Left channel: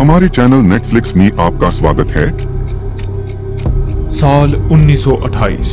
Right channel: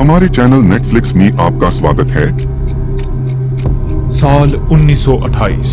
हमारे channel Netflix में आपका स्वागत है। साल 1928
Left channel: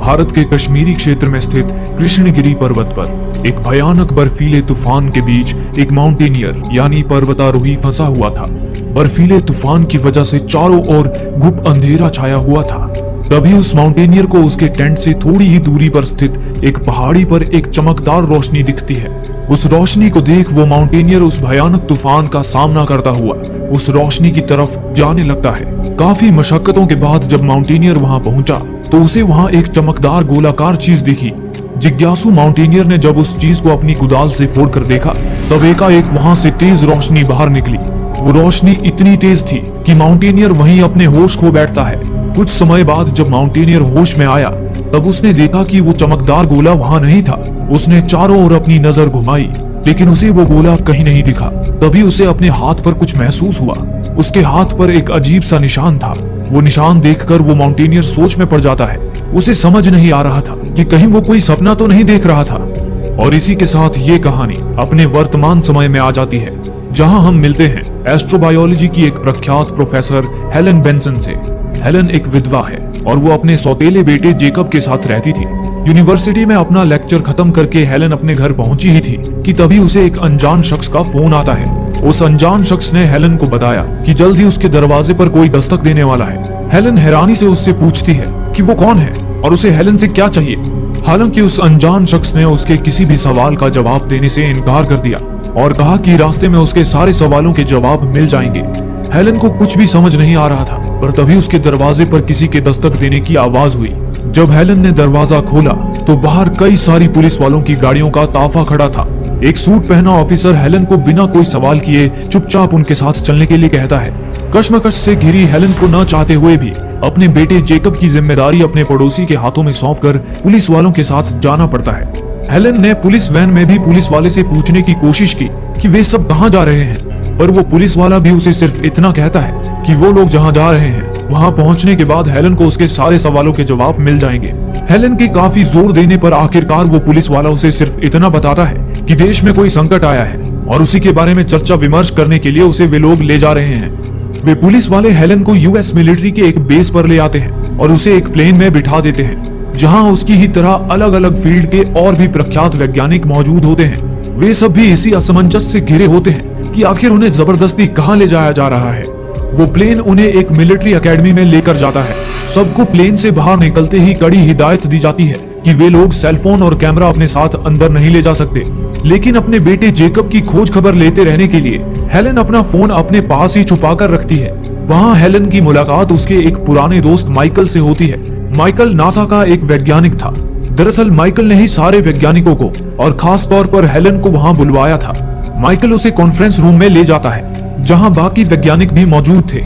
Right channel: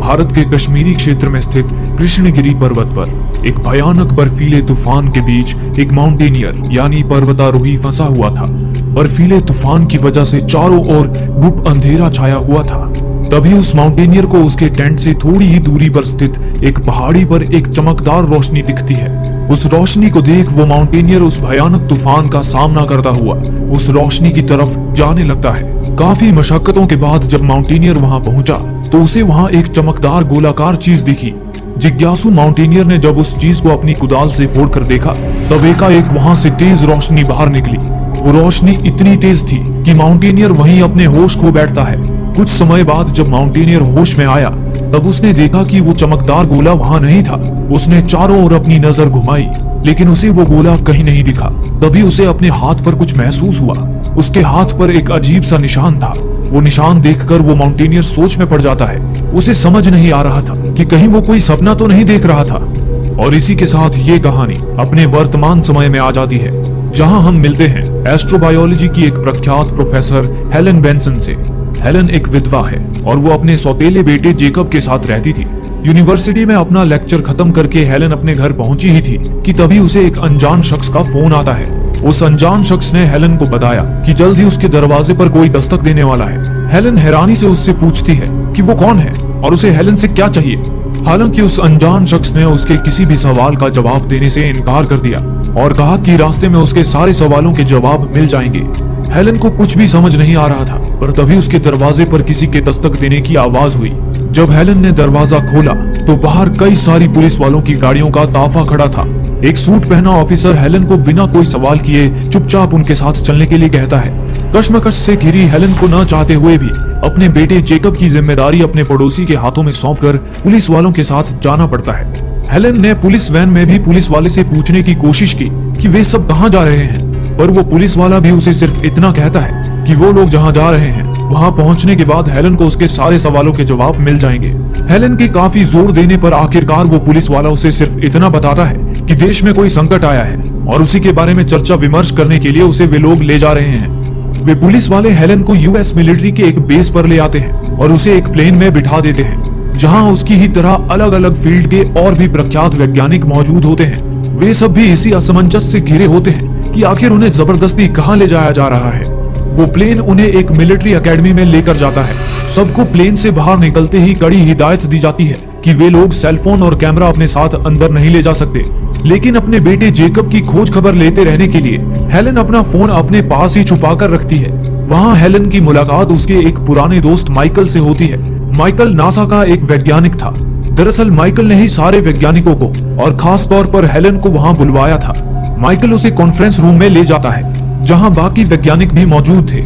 भारत के कश्मीरी क्षेत्र में स्थित कृष्णगिरी पर्वत पर एक भयानक बर्फीले तूफान के बीच एक माउंटेनियर यानी पर्वतारोही फंसा हुआ था। बर्फीले तूफान की वजह से चारों ओर गुप्त अंधेरा छाया हुआ था। तभी उस माउंटेनियर को उसके टेंट से थोड़ी ही दूरी पर स्थित एक पहाड़ी पर एक चमकदार रोशनी दिखती है। उस रोशनी को देख वो माउंटेनियर उस भयानक तूफान का सामना करता हुआ उस रोशनी की तरफ जाने लगता है। काफी मशक्कतों के बाद जब माउंटेनियर वहां पहुंचा तो उसे वहां एक चमकदार गोलाकार चीज दिखी। जिज्ञासु माउंटेनियर ने जब उस चीज को अपनी कुदाल से फोड़कर देखा तो एकाएक वहां से तेज रोशनी बाहर निकली। वो रोशनी इतनी तेज थी कि माउंटेनियर वहीं अपने होश खो बैठता है। कुछ समय बाद जब माउंटेनियर होश में आया तब उसने देखा कि वो चमकदार गोला वहां नहीं था। उसने चारों ओर अपनी नजर घुमाई लेकिन उसे वो गोला कहीं नहीं दिखा। तभी उसे अपने हाथ पर कुछ महसूस हुआ। उसके हाथ पर एक अजीब सा निशान था। वो निशान देखकर वो माउंटेनियर सोच में पड़ जाता है। उसे समझ नहीं आ रहा था कि कहीं वो कोई सपना तो नहीं देख रहा था। और इसी के साथ ये कहानी अपने वर्तमान समय में आ जाती है, जहां हम मिलते हैं एस्ट्रोबायोलॉजी की एक प्रख्यात प्रोफेसर हेलन बेंसन से। हेलन एक विधवा है और वो अपने सौतेले बेटे जेकब के साथ रहती थी। यूनिवर्सिटी में अपना लेक्चर खत्म करके हेलन अपने घर पहुंची ही थी कि तभी उसे एक अनजान शख्स का फोन आता है। उस अनजान शख्स ने हेलन को बताया कि जल्द ही उसके दरवाजे पर कोई दस्तक देने वाला है। हेलन हैरानी से उससे पूछती है कि वो कौन है और उसे हेलन से क्या चाहिए। हालांकि उस अनजान शख्स ने उसके किसी भी सवाल का जवाब देने से इनकार कर दिया और कहा कि रास्ते में उसके सारे सवालों के जवाब मिल जाएंगे। हेलन को कुछ भी समझ नहीं आ रहा था, पर तभी उसके दरवाजे पर किसी के दस्तक देने की आवाज हुई। जब हेलन ने दरवाजा खोला तो बाहर कई सारी पुलिस वालों की गाड़ियों का ताफा खड़ा था। एक सूट पहना ऑफिसर हेलन को बिना कोई सवाल किए चुपचाप उनके साथ चलने के लिए कहता है। कश्मकश से घिरी हेलन को न चाहते हुए भी अपने बेटे जेकब की जिम्मेदारी अपने पड़ोसी के हाथों में सौंपकर पुलिस वालों के साथ जाना पड़ता है। हेलन ने पुलिस वैन में भी पुलिस वाले से पूछने की कोशिश की कि वे सब कहाँ जा रहे हैं, पर वो पुलिस वाला भी उसे सिर्फ इतना कहता है कि वो लोग जहाँ जा रहे हैं वहाँ पहुँचने के बाद हेलन को उसके सारे सवालों के जवाब मिल जाएंगे। हेलन के काफी जोर देने पर आखिरकार वो पुलिस वाला उसे सिर्फ इतना बताता है कि देश में कोई संकट आया है और उसी के बारे में चर्चा विमर्श करने के लिए उसे वे लोग ले जा रहे हैं। वे पुलिस वाले हेलन को यूएस मिलिट्री के एक बेस पर ले आते हैं और उसे एक प्लेन में बिठा देते हैं, जहाँ उसकी ही तरह अलग अलग फील्ड के और भी प्रख्यात वैज्ञानिक मौजूद होते हैं। वे सब भी इसी असमंजस से घिरे होते हैं कि आखिर उन्हें जबरदस्ती कहाँ ले जाया जा रहा है। वो प्लेन उन्हें एक मिलिट्री एकेडमी में लेकर जाता है। सबको प्लेन से बाहर निकलते ही कड़ी हिदायत दी जाती है कि वे लोग सेलफोन और कैमरा अपने साथ अंदर नहीं ले जा सकते। लेकिन अपने बेटे जेकब की खोज खबर लेते रहने के लिए हेलन अपना फोन अपने पास ही छुपा कर रखती है। वहाँ हेलन की मुलाकात उसके एक पुराने दोस्त माइकल से होती है। माइकल नासा का एक वैज्ञानिक था। दरअसल माइकल ने ही सारे वैज्ञानिकों को और खास तौर पर हेलन को वहाँ बुलवाया था। माइकल उसे कॉन्फ्रेंस रूम में ले जाता है जहाँ बाकी वैज्ञानिक भी मौजूद थे।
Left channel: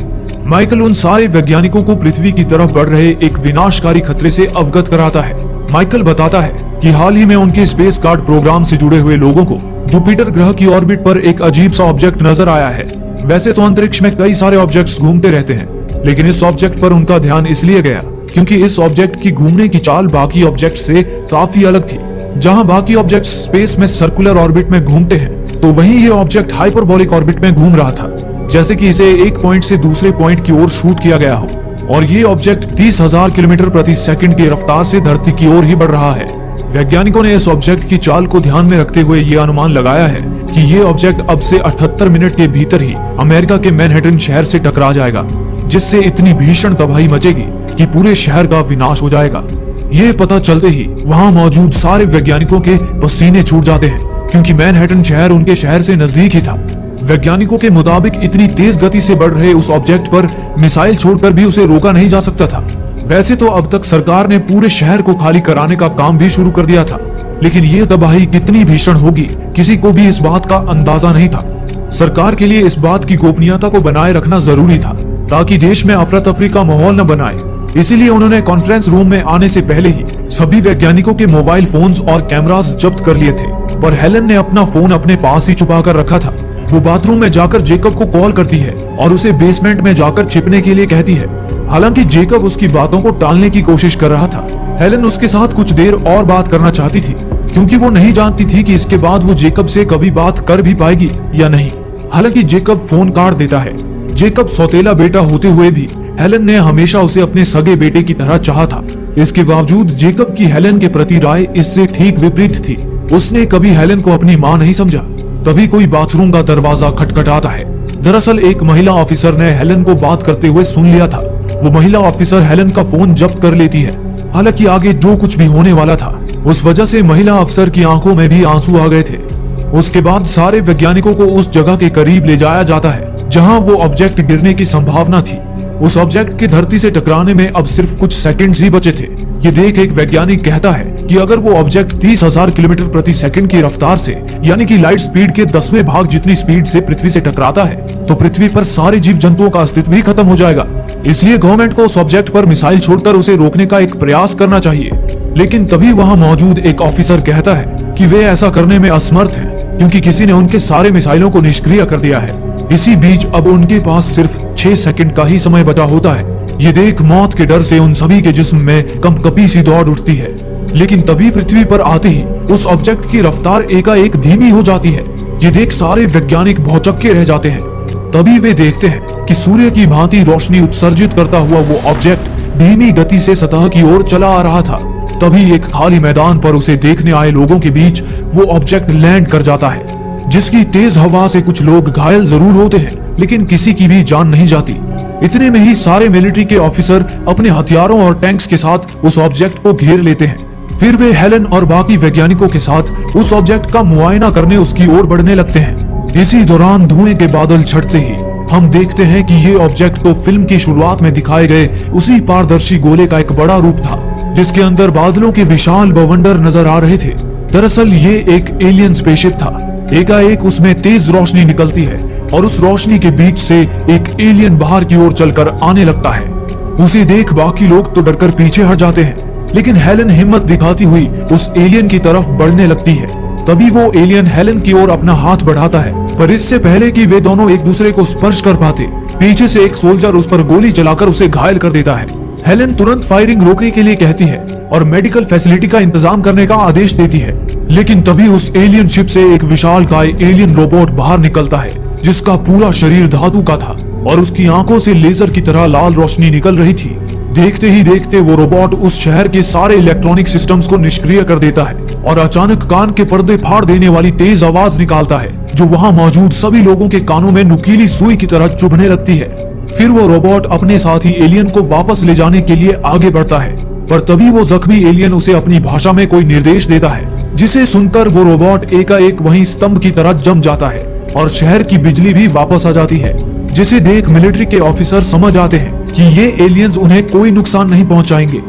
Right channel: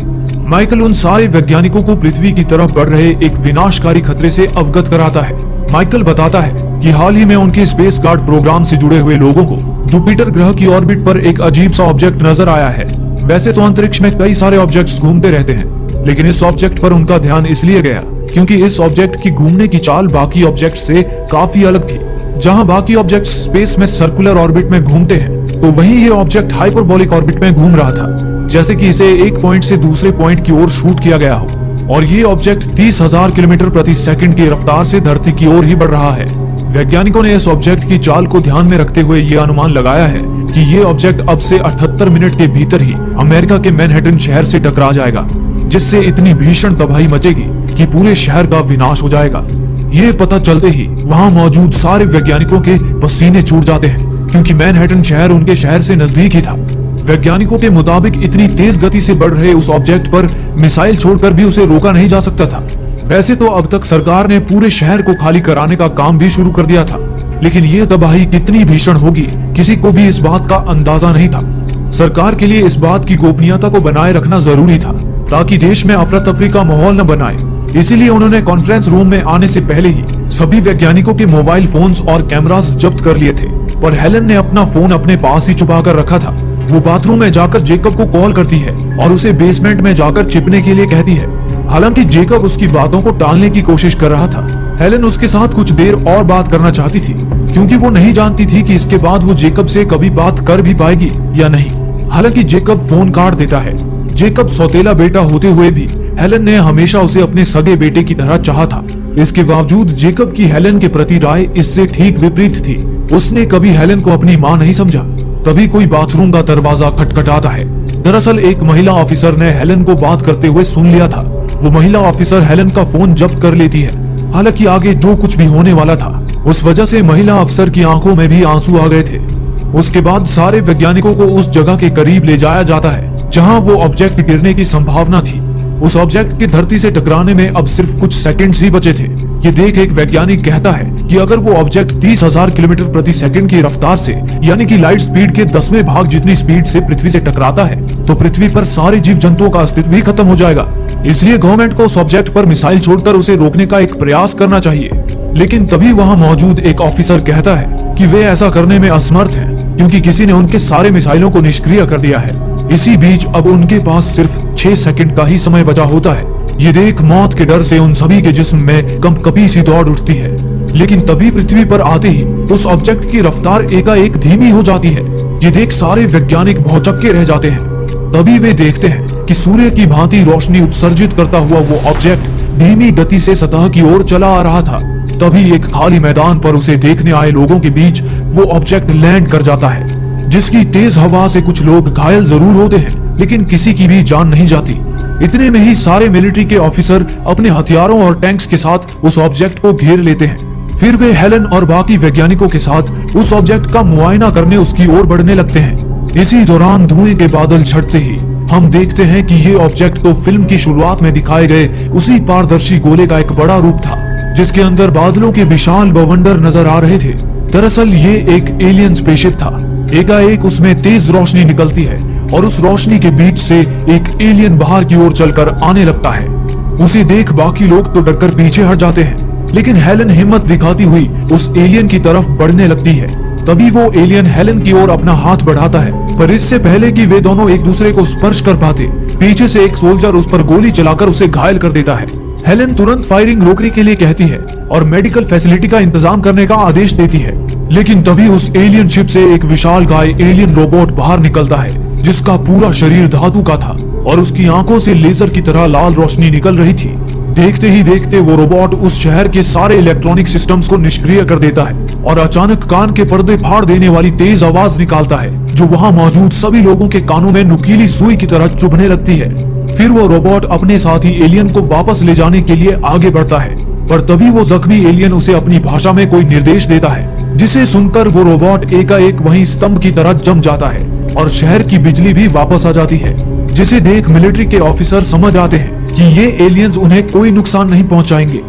माइकल उन सारे वैज्ञानिकों को पृथ्वी की तरफ बढ़ रहे एक विनाशकारी खतरे से अवगत कराता है। माइकल बताता है कि हाल ही में उनके स्पेस गार्ड प्रोग्राम से जुड़े हुए लोगों को जुपिटर ग्रह की ऑर्बिट पर एक अजीब सा ऑब्जेक्ट नजर आया है। वैसे तो अंतरिक्ष में कई सारे ऑब्जेक्ट्स घूमते रहते हैं, लेकिन इस ऑब्जेक्ट पर उनका ध्यान इसलिए गया क्योंकि इस ऑब्जेक्ट की घूमने की चाल बाकी ऑब्जेक्ट से काफी अलग थी। जहाँ बाकी ऑब्जेक्ट स्पेस में सर्कुलर ऑर्बिट में घूमते हैं, तो वहीं ये ऑब्जेक्ट हाइपरबोलिक ऑर्बिट में घूम रहा था, जैसे कि इसे एक पॉइंट से दूसरे पॉइंट की ओर शूट किया गया हो। और ये ऑब्जेक्ट 30,000 किलोमीटर प्रति सेकंड की रफ्तार से धरती की ओर ही बढ़ रहा है। वैज्ञानिकों ने इस ऑब्जेक्ट की चाल को ध्यान में रखते हुए ये अनुमान लगाया है कि ये ऑब्जेक्ट अब से 78 मिनट के भीतर ही अमेरिका के मैनहट्टन शहर से टकरा जाएगा, जिससे इतनी भीषण तबाही मचेगी कि पूरे शहर का विनाश हो जाएगा। ये पता चलते ही वहाँ मौजूद सारे वैज्ञानिकों के पसीने छूट जाते हैं, क्योंकि मैनहट्टन शहर उनके शहर से नजदीक ही था। वैज्ञानिकों के मुताबिक इतनी तेज गति से बढ़ रहे उस ऑब्जेक्ट पर मिसाइल छोड़कर भी उसे रोका नहीं जा सकता था। वैसे तो अब तक सरकार ने पूरे शहर को खाली कराने का काम भी शुरू कर दिया था, लेकिन ये तबाही कितनी भीषण होगी किसी को भी इस बात का अंदाजा नहीं था। सरकार के लिए इस बात की गोपनीयता को बनाए रखना जरूरी था ताकि देश में अफरा तफरी का माहौल न बनाए। इसीलिए उन्होंने कॉन्फ्रेंस रूम में आने से पहले ही सभी वैज्ञानिकों के मोबाइल फोन्स और कैमरास जब्त कर लिए थे। पर हेलन ने अपना फोन अपने पास ही छुपा कर रखा था। वो बाथरूम में जाकर जेकब को कॉल करती है और उसे बेसमेंट में जाकर छिपने के लिए कहती है। हालांकि जेकब उसकी बातों को टालने की कोशिश कर रहा था। हेलन उसके साथ कुछ देर और बात करना चाहती थी, क्योंकि वो नहीं जानती थी कि इसके बाद वो जेकब से कभी बात कर भी पाएगी या नहीं। हालांकि जेकब फोन काट देता है जेकब सौतेला बेटा होते हुए भी हेलन ने हमेशा उसे अपने सगे बेटे की तरह चाहा था। इसके बावजूद जेकब की हेलन के प्रति राय इससे ठीक विपरीत थी। उसने कभी हेलन को अपनी मां नहीं समझा। तभी कोई बाथरूम का दरवाजा खटखटाता है। दरअसल एक महिला ऑफिसर ने हेलन को बात करते हुए सुन लिया था। वो महिला ऑफिसर हेलन का फोन जब्त कर लेती है। हालांकि आगे जो कुछ भी होने वाला था उस वजह से महिला अफसर की आंखों में भी आंसू आ गए थे। उसके बाद सारे वैज्ञानिकों को उस जगह के करीब ले जाया जाता है जहां वो ऑब्जेक्ट गिरने की संभावना थी। उस ऑब्जेक्ट के धरती से टकराने में अब सिर्फ कुछ सेकंड्स ही बचे थे। ये देख एक वैज्ञानिक कहता है कि अगर वो ऑब्जेक्ट 30,000 किलोमीटर प्रति सेकंड की रफ्तार से यानी कि लाइट स्पीड के 10वें भाग जितनी स्पीड से पृथ्वी से टकराता है तो पृथ्वी पर सारे जीव जंतुओं का अस्तित्व ही खत्म हो जाएगा। इसलिए गवर्नमेंट को उस ऑब्जेक्ट पर मिसाइल छोड़कर उसे रोकने का एक प्रयास करना चाहिए। लेकिन तभी वहाँ मौजूद एक ऑफिसर कहता है कि वे ऐसा करने में असमर्थ हैं क्योंकि किसी ने उनके सारे मिसाइलों को निष्क्रिय कर दिया है। इसी बीच अब उनके पास सिर्फ 6 सेकंड का ही समय बचा होता है। ये देख मौत के डर से उन सभी के जिस्म में कंपकपी सी दौड़ उठती है। लेकिन तभी पृथ्वी पर आते ही उस ऑब्जेक्ट की रफ्तार एकाएक धीमी हो जाती है। ये देख सारे वैज्ञानिक भौचक्के रह जाते हैं। तभी वे देखते हैं कि सूर्य की भांति रोशनी उत्सर्जित करता हुआ वो ऑब्जेक्ट धीमी गति से सतह की ओर चला आ रहा था। तभी एक खाली मैदान पर उसे देखने आए लोगों के बीच वो ऑब्जेक्ट लैंड कर जाता है, जिसकी तेज हवा से कुछ लोग घायल जरूर होते हैं लेकिन किसी की भी जान नहीं जाती। इतने में ही सारे मिलिट्री के ऑफिसर अपने हथियारों और टैंक्स के साथ उस ऑब्जेक्ट को घेर लेते हैं। फिर वे हेलन और बाकी वैज्ञानिकों के साथ उस ऑब्जेक्ट का मुआयना करने उसकी ओर बढ़ने लगते हैं। इसी दौरान धुएं के बादल छटते ही हम देखते हैं कि ये ऑब्जेक्ट तो फिल्म की शुरुआत में दिखाए गए उसी पारदर्शी गोले का एक बड़ा रूप था जिसके अंदर बादलों के विशाल बवंडर नजर आ रहे थे। दरअसल ये एक एलियन स्पेसशिप था। एकाएक उसमें तेज रोशनी निकलती है और उस रोशनी के बीच से एक एलियन बाहर की ओर चलकर आने लगता है। उसे देख बाकी लोग तो डरकर पीछे हट जाते हैं, लेकिन हेलन हिम्मत दिखाती हुई उस एलियन की तरफ बढ़ने लगती है। तभी वो एलियन हेलन की ओर अपना हाथ बढ़ाता है, पर इससे पहले कि वे दोनों एक दूसरे को स्पर्श कर पाते पीछे से एक सोल्जर उस पर गोली चलाकर उसे घायल कर देता है। हेलन तुरंत फायरिंग रोकने के लिए कहती है और मेडिकल फैसिलिटी का इंतजाम करने का आदेश देती है। लेकिन तभी उस एलियन शिप से एक विशालकाय एलियन रोबोट बाहर निकलता है जिसका पूरा शरीर धातु का था और उसकी आंखों से लेजर की तरह लाल रोशनी निकल रही थी। देखते ही देखते वो रोबोट उस शहर के सारे इलेक्ट्रॉनिक सिस्टम्स को निष्क्रिय कर देता है और अचानक कान के पर्दे फाड़ देने वाली तेज आवाज निकालता है जो वहाँ मौजूद सभी लोगों के कानों में नुकीली सुई की तरह चुभने लगती है। फिर वो रोबोट अपने साथी एलियन को वापस ले जाने के लिए आगे बढ़ता है, पर तभी वो जख्मी एलियन उसे अपनी भाषा में कोई निर्देश देता है जिसे सुनकर वो रोबोट एकाएक वहीं स्तंभ की तरह जम जाता है और शहर की बिजली भी वापस आ जाती है, जिसे देख मिलिट्री के ऑफिसर समझ आते हैं कि ये एलियंस उन्हें कोई नुकसान नहीं पहुंचाएंगे।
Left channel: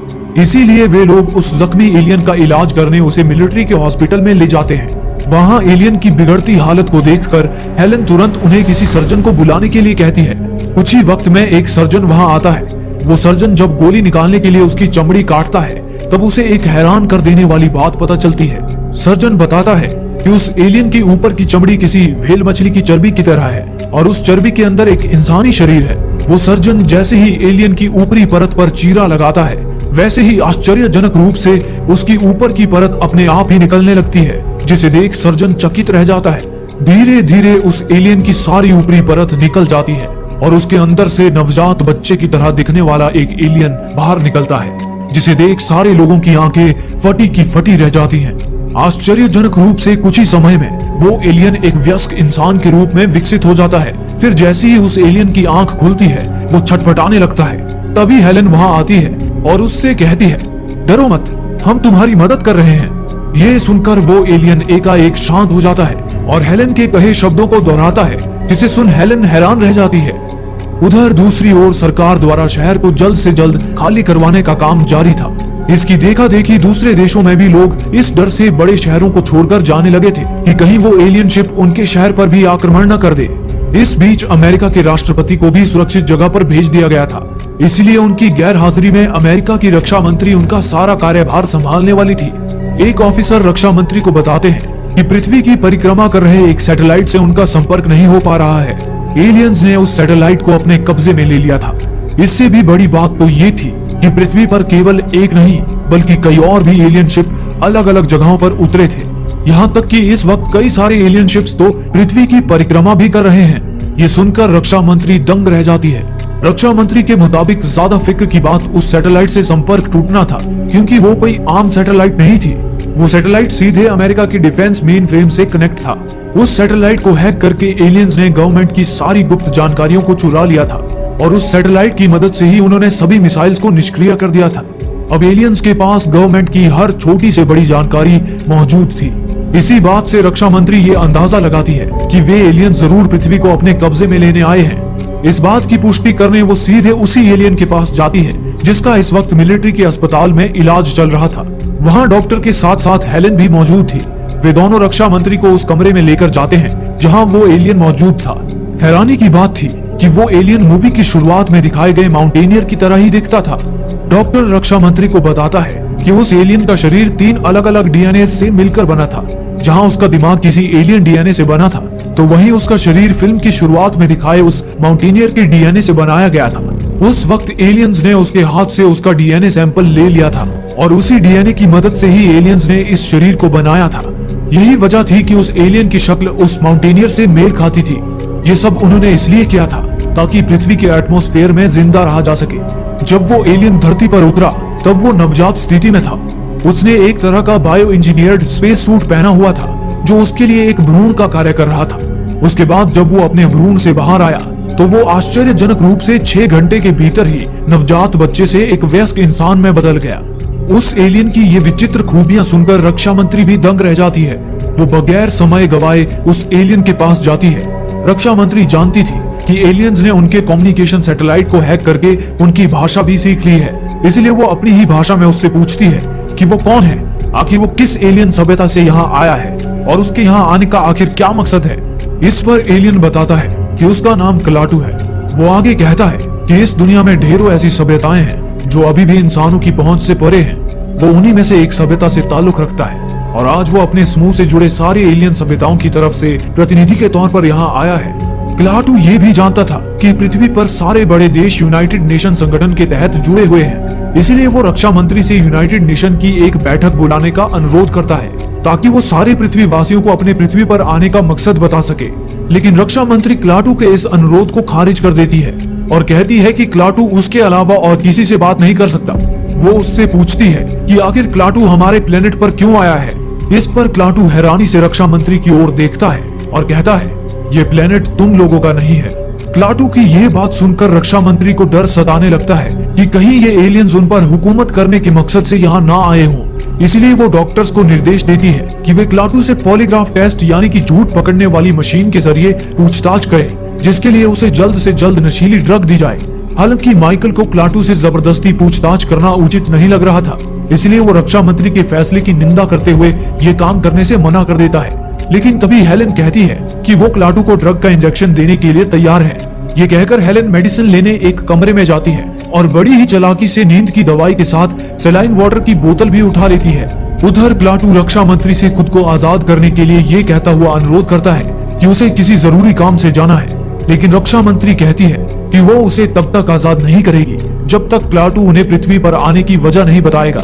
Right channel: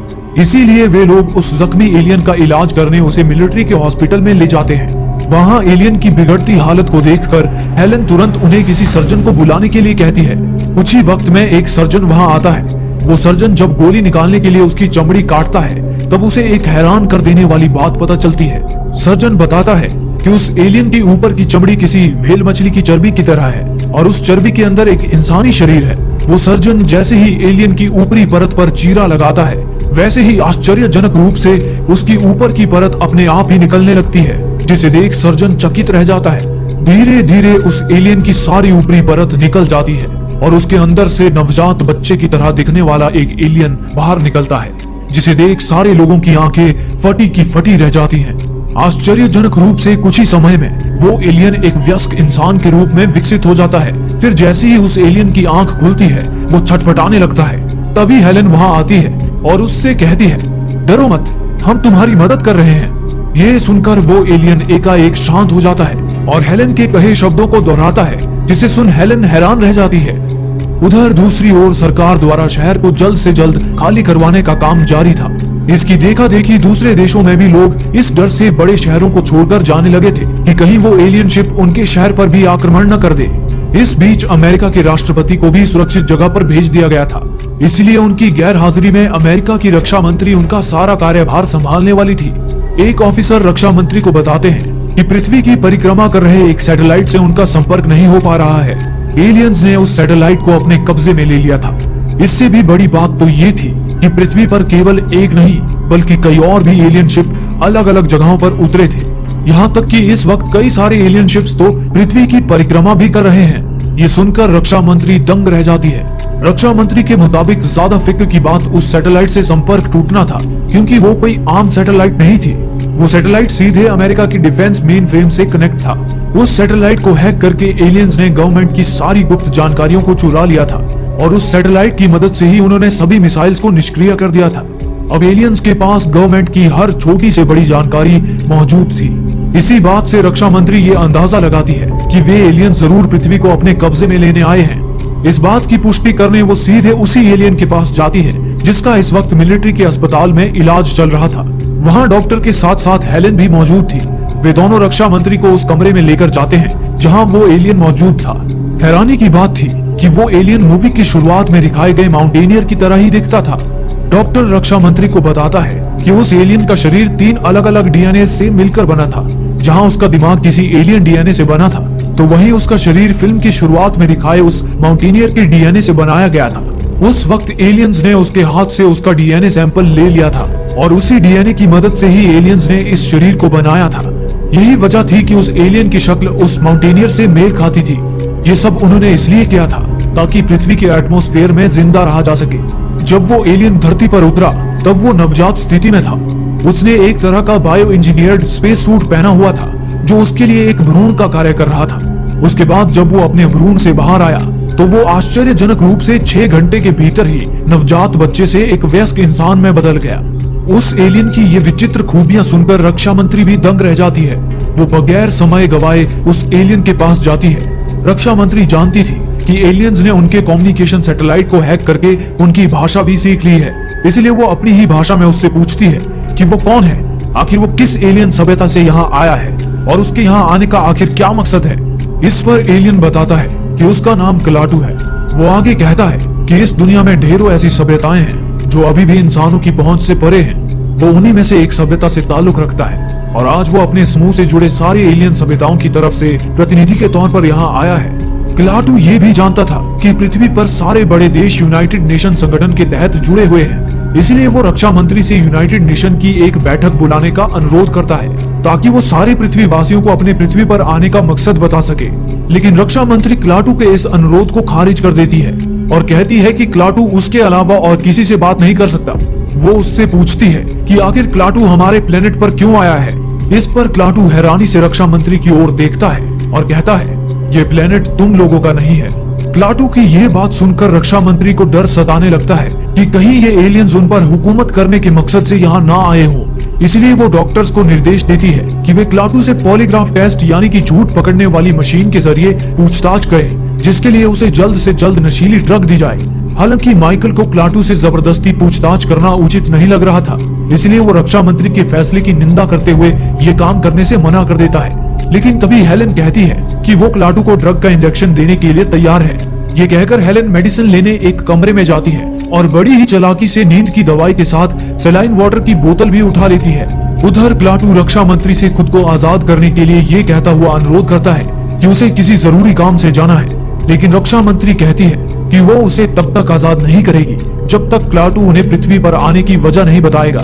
इसीलिए वे लोग उस जख्मी एलियन का इलाज करने उसे मिलिट्री के हॉस्पिटल में ले जाते हैं। वहाँ एलियन की बिगड़ती हालत को देखकर हेलन तुरंत उन्हें किसी सर्जन को बुलाने के लिए कहती है। कुछ ही वक्त में एक सर्जन वहाँ आता है। वो सर्जन जब गोली निकालने के लिए उसकी चमड़ी काटता है तब उसे एक हैरान कर देने वाली बात पता चलती है। सर्जन बताता है कि उस एलियन के ऊपर की चमड़ी किसी व्हेल मछली की चर्बी की तरह है और उस चर्बी के अंदर एक इंसानी शरीर है। वो सर्जन जैसे ही एलियन की ऊपरी परत पर चीरा लगाता है वैसे ही आश्चर्यजनक रूप से उसकी ऊपर की परत अपने आप ही निकलने लगती है, जिसे देख सर्जन चकित रह जाता है। धीरे धीरे उस एलियन की सारी ऊपरी परत निकल जाती है और उसके अंदर से नवजात बच्चे की तरह दिखने वाला एक एलियन बाहर निकलता है, जिसे देख सारे लोगों की आंखें फटी की फटी रह जाती हैं। आश्चर्यजनक रूप से कुछ ही समय में वो एलियन एक वयस्क इंसान के रूप में विकसित हो जाता है। फिर जैसे ही उस एलियन की आंख खुलती है वो छटपटाने लगता है। तभी हेलन वहाँ आती है और उससे कहती है, डरो मत, हम तुम्हारी मदद कर रहे हैं। ये सुनकर वो एलियन एकाएक शांत हो जाता है और हेलन के कहे शब्दों को दोहराता है, जिसे सुन हेलन हैरान रह जाती है। उधर दूसरी ओर सरकार द्वारा शहर को जल्द से जल्द खाली करवाने का काम जारी था। इसकी देखा देखी दूसरे देशों में भी लोग इस डर से बड़े शहरों को छोड़कर जाने लगे थे कि कहीं वो एलियन शिप उनके शहर पर भी आक्रमण न कर दे। इस बीच अमेरिका के राष्ट्रपति को भी सुरक्षित जगह पर भेज दिया गया था, इसलिए उनकी गैर हाजिरी में अमेरिका की रक्षा मंत्री उनका सारा कार्यभार संभालने वाली थी। एक ऑफिसर रक्षा मंत्री को बताते हैं कि पृथ्वी की परिक्रमा कर रहे एक सैटेलाइट से उनका संपर्क नहीं हो पा रहा है। एलियंस ने उस सैटेलाइट को अपने कब्जे में ले लिया था। इससे भी बड़ी बात तो ये थी कि पृथ्वी पर केवल एक नहीं बल्कि कई और भी एलियन शिप अलग अलग जगहों पर उतरे थे। यहाँ तक कि इस वक्त कई सारे एलियन शिप्स तो पृथ्वी की परिक्रमा भी कर रहे हैं। ये सुनकर रक्षा मंत्री दंग रह जाती है। रक्षा मंत्री के मुताबिक ज्यादा फिक्र की बात उस सैटेलाइट से संपर्क टूटना था, क्योंकि वो कोई आम सैटेलाइट नहीं थी। वो सैटेलाइट सीधे अमेरिका की डिफेंस मेन फ्रेम से कनेक्ट था। उस सैटेलाइट को हैक करके एलियंस ने गवर्नमेंट की सारी गुप्त जानकारियों को चुरा लिया था और उस सैटेलाइट की मदद से ही उन्होंने सभी मिसाइल्स को निष्क्रिय कर दिया था। अब एलियंस के पास गवर्नमेंट की हर छोटी से बड़ी जानकारी मौजूद थी। इसी बात से रक्षा मंत्री ये अंदाजा लगाती है कि वे एलियन जरूर पृथ्वी को अपने कब्जे में लेने आए हैं। इस बात की पुष्टि करने वो सीधे उसी एलियन के पास जाती है जिसका इस वक्त मिलिट्री के अस्पताल में इलाज चल रहा था। वहाँ डॉक्टर के साथ साथ हेलेन भी मौजूद थी। वे दोनों रक्षा मंत्री को उस कमरे में लेकर जाते हैं जहाँ वो एलियन मौजूद था। हैरानी की बात थी कि वो एलियन मूवी की शुरुआत में दिखाए गए माउंटेनियर की तरह ही दिखता था। डॉक्टर रक्षा मंत्री को बताता है कि उस एलियन का शरीर 3 अलग अलग डीएनए से मिलकर बना था। जहाँ उसका दिमाग किसी एलियन डीएनए से बना था, तो वहीं उसका शरीर फिल्म की शुरुआत में दिखाए उस माउंटेनियर के डीएनए से बनाया गया था। उस वक्त एलियंस ने उसके हाथ से उसका डीएनए सैंपल ले लिया था और उसी डीएनए की मदद से ही एलियंस ने इस शरीर को बनाया था। यही वजह थी कि उस एलियन की शक्ल उस माउंटेनियर से मेल खाती थी। ये सब उन्होंने इसलिए किया था ताकि पृथ्वी के एटमॉस्फेयर में जिंदा रहा जा सके। जब वो एलियन धरती पर उतरा तब वो नवजात स्थिति में था। उसने एक तरह का बायो इंजीनियर्ड स्पेस सूट पहना हुआ था जो उसके लिए एक भ्रूण का कार्य कर रहा था। उसके बाद जब वो अपने भ्रूण से बाहर आया तो वो आश्चर्यजनक रूप से 6 घंटे के भीतर ही नवजात बच्चे से एक वयस्क इंसान में बदल गया। उस एलियन की ये विचित्र खूबियां सुनकर रक्षा मंत्री भी दंग रह जाती है। वो बगैर समय गवाए उस एलियन के पास जाती है। रक्षा मंत्री जानती थी कि एलियंस ने उनके कम्युनिकेशन सैटेलाइट को हैक करके उनकी भाषा भी सीख ली है, इसलिए वो अपनी ही भाषा में उससे पूछती है कि वो कौन है, आखिर वो किस एलियन सभ्यता से यहाँ आया है और उसके यहाँ आने का आखिर क्या मकसद है। इस पर एलियन बताता है कि उसका नाम क्लाटू है। वो आगे कहता है कि इस दुनिया में ढेरों ऐसी सभ्यताएं हैं जो अभी भी इंसानों की पहुंच से परे हैं। वो उन्हीं में से एक सभ्यता से ताल्लुक रखता है और आज वो अपने समूह से जुड़े सारी एलियन सभ्यताओं की तरफ से प्रतिनिधि के तौर पर यहाँ आया है। क्लाटू ये भी जानता था कि पृथ्वी पर सारे बड़े देश यूनाइटेड नेशन संगठन के तहत जुड़े हुए हैं, इसलिए वो रक्षा मंत्री से यूनाइटेड नेशन की एक बैठक बुलाने का अनुरोध करता है ताकि वो सारे पृथ्वी वासियों को अपने पृथ्वी पर आने का मकसद बता सके। लेकिन रक्षा मंत्री क्लाटू के इस अनुरोध को खारिज कर देती है और कहती है कि क्लाटू उसके अलावा और किसी से बात नहीं कर सकता। वो उससे पूछती है कि आखिर क्लाटू हमारे प्लेनेट पर क्यों आया है। इस पर क्लाटू हैरानी से रक्षा मंत्री की ओर देखता है और कहता है, ये प्लेनेट तुम लोगों का नहीं है। क्लाटू की यह बात सुनकर रक्षा मंत्री को डर सताने लगता है कि कहीं ये एलियंस उन पर हुकूमत करने के मकसद से यहाँ ना आए हो। इसलिए वो डॉक्टर्स को निर्देश देती है कि वे क्लाटू से पॉलीग्राफ टेस्ट यानी कि झूठ पकड़ने वाली मशीन के जरिए पूछताछ करें, जिसके लिए उसे जल्द से जल्द नशीली ड्रग दी जाए। हालांकि माइकल को क्लाटू से जबरदस्ती पूछताछ करना उचित नहीं लग रहा था, इसलिए वो रक्षा मंत्री के फैसले की निंदा करते हुए ये काम करने से मना कर देता है। लेकिन तभी हेलेन कहती है कि वो क्लाटू को ड्रग का इंजेक्शन देने के लिए तैयार है। ये कहकर हेलेन मेडिसिन लेने एक कमरे में जाती है और बड़ी ही चालाकी से नींद की दवाई के साथ सलाइन वाटर की बोतल भी उठा लेती है। उधर क्लाटू रक्षा मंत्री से खुद को आजाद करने के लिए ये कहता हुआ अनुरोध करता है कि उसे किसी जरूरी काम से जाना है, लेकिन रक्षा मंत्री कहती है कि वो उसे तब तक आजाद नहीं करेगी जब तक क्लाटू उन्हें पृथ्वी पर आने की वजह नहीं बताएगा।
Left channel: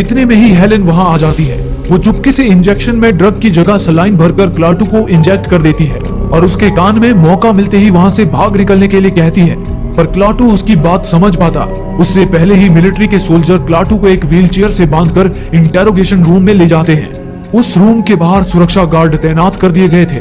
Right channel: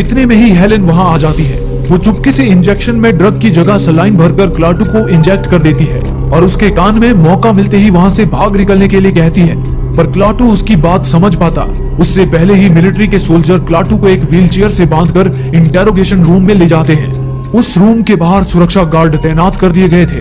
इतने में ही हेलेन वहाँ आ जाती है। वो चुपके से इंजेक्शन में ड्रग की जगह सलाइन भरकर क्लाटू को इंजेक्ट कर देती है और उसके कान में मौका मिलते ही वहाँ से भाग निकलने के लिए कहती है, पर क्लाटू उसकी बात समझ पाता। उससे पहले ही मिलिट्री के सोल्जर क्लाटू को एक व्हीलचेयर से बांधकर इंटेरोगेशन रूम में ले जाते हैं। उस रूम के बाहर सुरक्षा गार्ड तैनात कर दिए गए थे।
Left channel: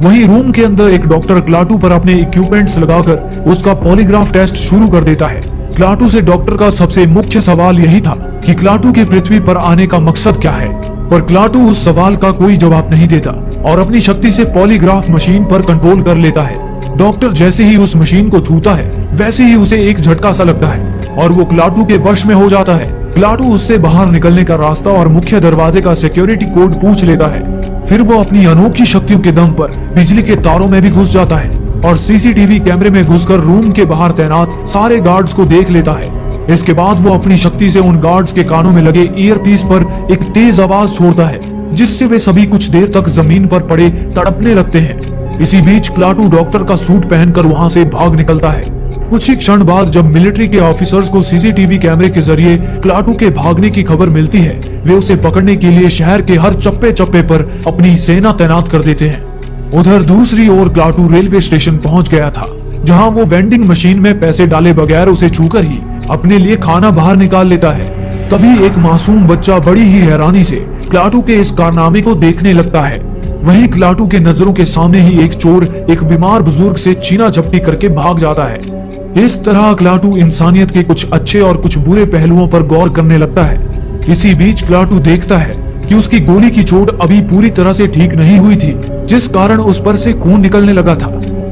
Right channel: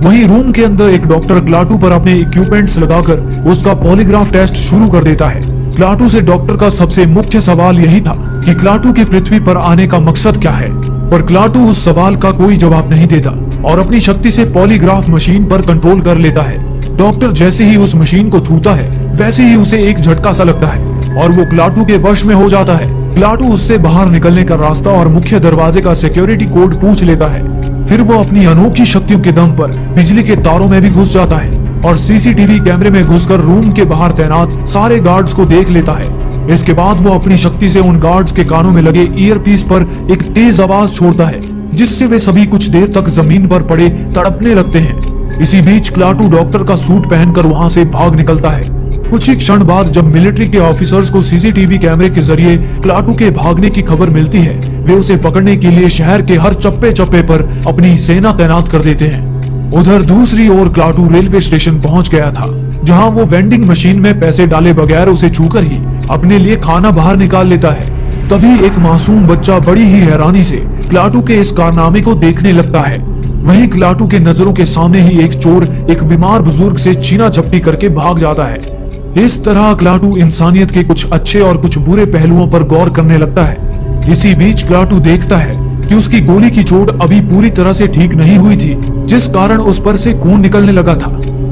वहीं रूम के अंदर एक डॉक्टर क्लाटू पर अपने इक्विपमेंट्स लगाकर उसका पॉलीग्राफ टेस्ट शुरू कर देता है। क्लाटू से डॉक्टर का सबसे मुख्य सवाल यही था कि क्लाटू के पृथ्वी पर आने का मकसद क्या है, पर क्लाटू उस सवाल का कोई जवाब नहीं देता और अपनी शक्ति से पॉलीग्राफ मशीन पर कंट्रोल कर लेता है। डॉक्टर जैसे ही उस मशीन को छूता है वैसे ही उसे एक झटका सा लगता है और वो क्लाटू के वश में हो जाता है। क्लाटू उससे बाहर निकलने का रास्ता और मुख्य दरवाजे का सिक्योरिटी कोड पूछ लेता है। फिर वो अपनी अनोखी शक्तियों के दम पर बिजली के तारों में भी घुस जाता है और सीसीटीवी कैमरे में घुसकर रूम के बाहर तैनात सारे गार्ड्स को देख लेता है। इसके बाद वो अपनी शक्ति से उन गार्ड्स के कानों में लगे ईयरपीस पर एक तेज आवाज छोड़ता है, जिससे वे सभी कुछ देर तक जमीन पर पड़े तड़पने लगते हैं। इसी बीच क्लाटू डॉक्टर का सूट पहनकर वहाँ से भाग निकलता है। कुछ ही क्षण बाद जब मिलिट्री के ऑफिसर्स को सीसीटीवी कैमरे के जरिए क्लाटू के भागने की खबर मिलती है, वे उसे पकड़ने के लिए शहर के हर चप्पे चप्पे पर अपनी सेना तैनात कर देते हैं। उधर दूसरी ओर क्लाटू रेलवे स्टेशन पहुंच गया था, जहां वो वेंडिंग मशीन में पैसे डाले बगैर उसे छूकर ही अपने लिए खाना बाहर निकाल लेता है। तभी एक मासूम बच्चा बड़ी ही हैरानी से क्लाटू के इस कारनामे को देखने लगता है। वहीं क्लाटू के नजरों के सामने ही एक चोर एक बीमार बुजुर्ग से छीना झपटी करके भाग जाता है। इस तरह क्लाटू इंसानियत के कुछ अच्छे और कुछ बुरे पहलुओं पर गौर करने लगता है। इसी बीच क्लाटू देखता है कि उसकी गोली की चोट अभी पूरी तरह से ठीक नहीं हुई थी, जिस कारण उस पर से खून निकलने लगा था।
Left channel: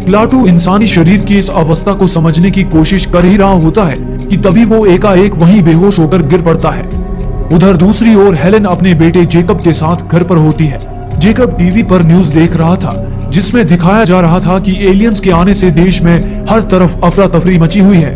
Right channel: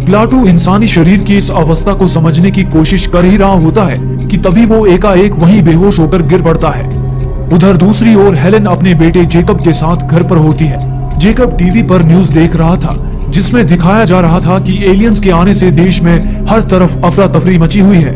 क्लाटू इंसानी शरीर की इस अवस्था को समझने की कोशिश कर ही रहा होता है कि तभी वो एकाएक वहीं बेहोश होकर गिर पड़ता है। उधर दूसरी ओर हेलेन अपने बेटे जेकब के साथ घर पर होती है। जेकब टीवी पर न्यूज देख रहा था, जिसमें दिखाया जा रहा था कि एलियंस के आने से देश में हर तरफ अफरा तफरी मची हुई है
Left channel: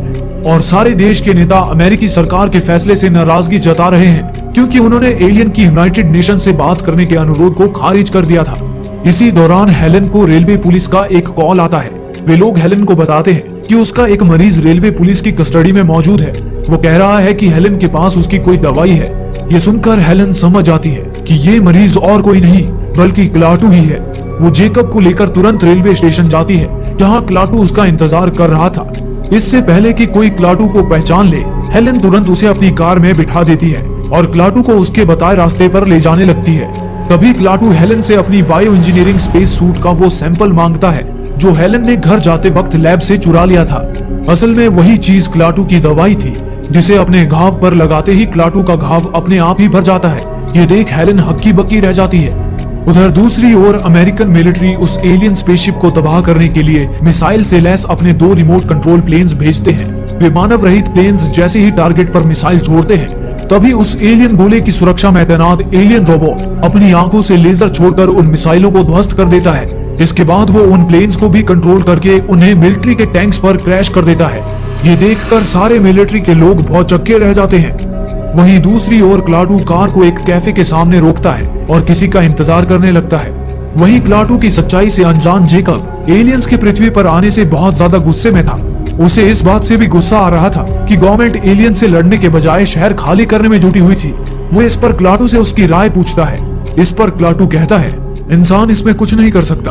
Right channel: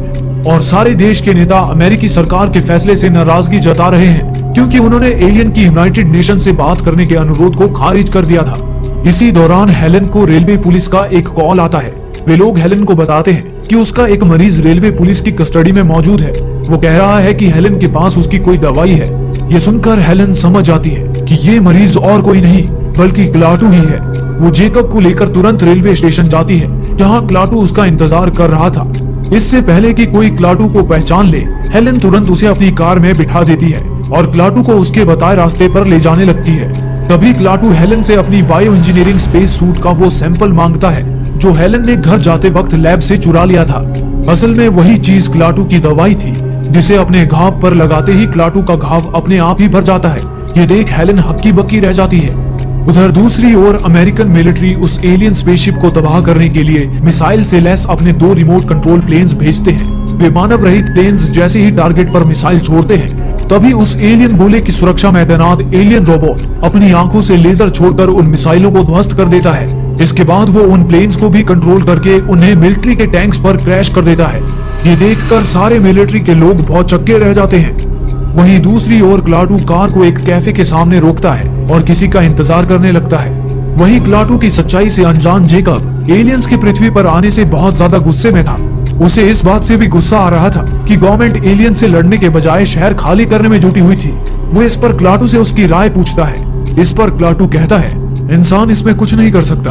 और सारे देश के नेता अमेरिकी सरकार के फैसले से नाराजगी जता रहे हैं, क्योंकि उन्होंने एलियन की यूनाइटेड नेशन से बात करने के अनुरोध को खारिज कर दिया था। इसी दौरान हेलेन को रेलवे पुलिस का एक कॉल आता है। वे लोग हेलेन को बताते हैं कि उसका एक मरीज रेलवे पुलिस की कस्टडी में मौजूद है। वो कह रहा है कि हेलेन के पास उसकी कोई दवाई है। ये सुनकर हेलेन समझ जाती है कि ये मरीज और कोई नहीं बल्कि क्लाटू ही है। वो जेकब को लेकर तुरंत रेलवे स्टेशन जाती है, जहाँ क्लाटू उसका इंतजार कर रहा था। इससे पहले कि कोई क्लाटू को पहचान ले, हेलेन तुरंत उसे अपनी कार में बिठा देती है और क्लाटू को उसके बताए रास्ते पर ले जाने लगती है। तभी क्लाटू हेलेन से अपनी बायो इंजीनियरिंग स्पेस सूट का वो सैंपल मांगता है, जो हेलेन ने घर जाते वक्त लैब से चुरा लिया था। असल में वही चीज क्लाटू की दवाई थी, जिसे अपने घाव पर लगाते ही क्लाटू का घाव अपने आप ही भर जाता है। ये देख हेलेन हक्की बक्की रह जाती है। उधर दूसरी ओर अमेरिकन मिलिट्री उस एलियन स्पेसशिप को तबाह करने के लिए मिसाइल से लैस अपने 2 रिमोट कंट्रोल प्लेन्स भेजते हैं। वे मानव रहित प्लेन्स जैसे ही टारगेट पर मिसाइल छोड़ते हैं, तभी उस एलियन गोले की सुरक्षा में तैनात एलियन रोबोट अपनी आंखों से लेजर छोड़कर उन मिसाइलों को ध्वस्त कर देता है। इसके बाद वो उन प्लेन्स को भी कंट्रोल करके उन्हें मिलिट्री के टैंक्स पर क्रैश कर देता है। ये देखकर सारे मिलिट्री के लोग बहुत चक्के रह जाते हैं। वहीं दूसरी ओर क्लाटू कार को एक कैफे के सामने रोकता है और किसी का इंतजार करने लगता है। वहीं क्लाटू की सच्चाई से अनजान जेकब एलियंस के पृथ्वी पर आने से बहुत ज्यादा गुस्से में था। उसे इस बात से भी गुस्सा आ रहा था कि गवर्नमेंट एलियन से लड़ने के बजाय शहर खाली करने में जुटी हुई थी। वो इस पर क्लाटू से उसकी राय पूछता है। इस पर क्लाटू कहता है, इंसान इसमें कुछ नहीं कर सकता।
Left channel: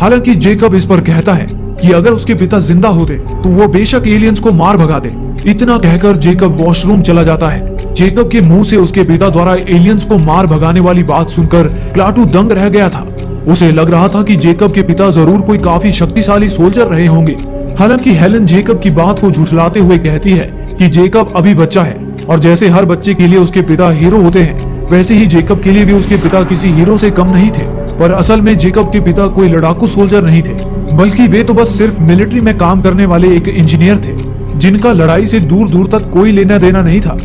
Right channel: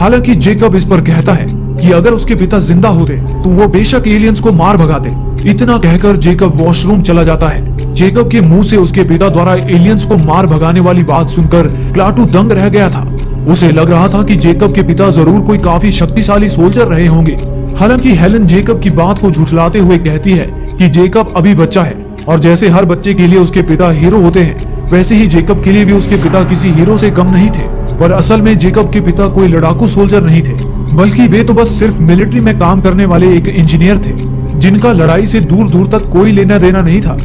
हालांकि जेकब इस पर कहता है कि अगर उसके पिता जिंदा होते तो वो बेशक एलियंस को मार भगाते। इतना कहकर जेकब वॉशरूम चला जाता है। जेकब के मुंह से उसके पिता द्वारा एलियंस को मार भगाने वाली बात सुनकर क्लाटू दंग रह गया था। उसे लग रहा था कि जेकब के पिता जरूर कोई काफी शक्तिशाली सोल्जर रहे होंगे। हालांकि हेलेन जेकब की बात को झुठलाते हुए कहती है कि जेकब अभी बच्चा है और जैसे हर बच्चे के लिए उसके पिता हीरो होते हैं, वैसे ही जेकब के लिए भी उसके पिता किसी हीरो से कम नहीं थे। पर असल में जेकब के पिता कोई लड़ाकू सोल्जर नहीं थे, बल्कि वे तो बस सिर्फ मिलिट्री में काम करने वाले एक इंजीनियर थे, जिनका लड़ाई से दूर दूर तक कोई लेना देना नहीं था।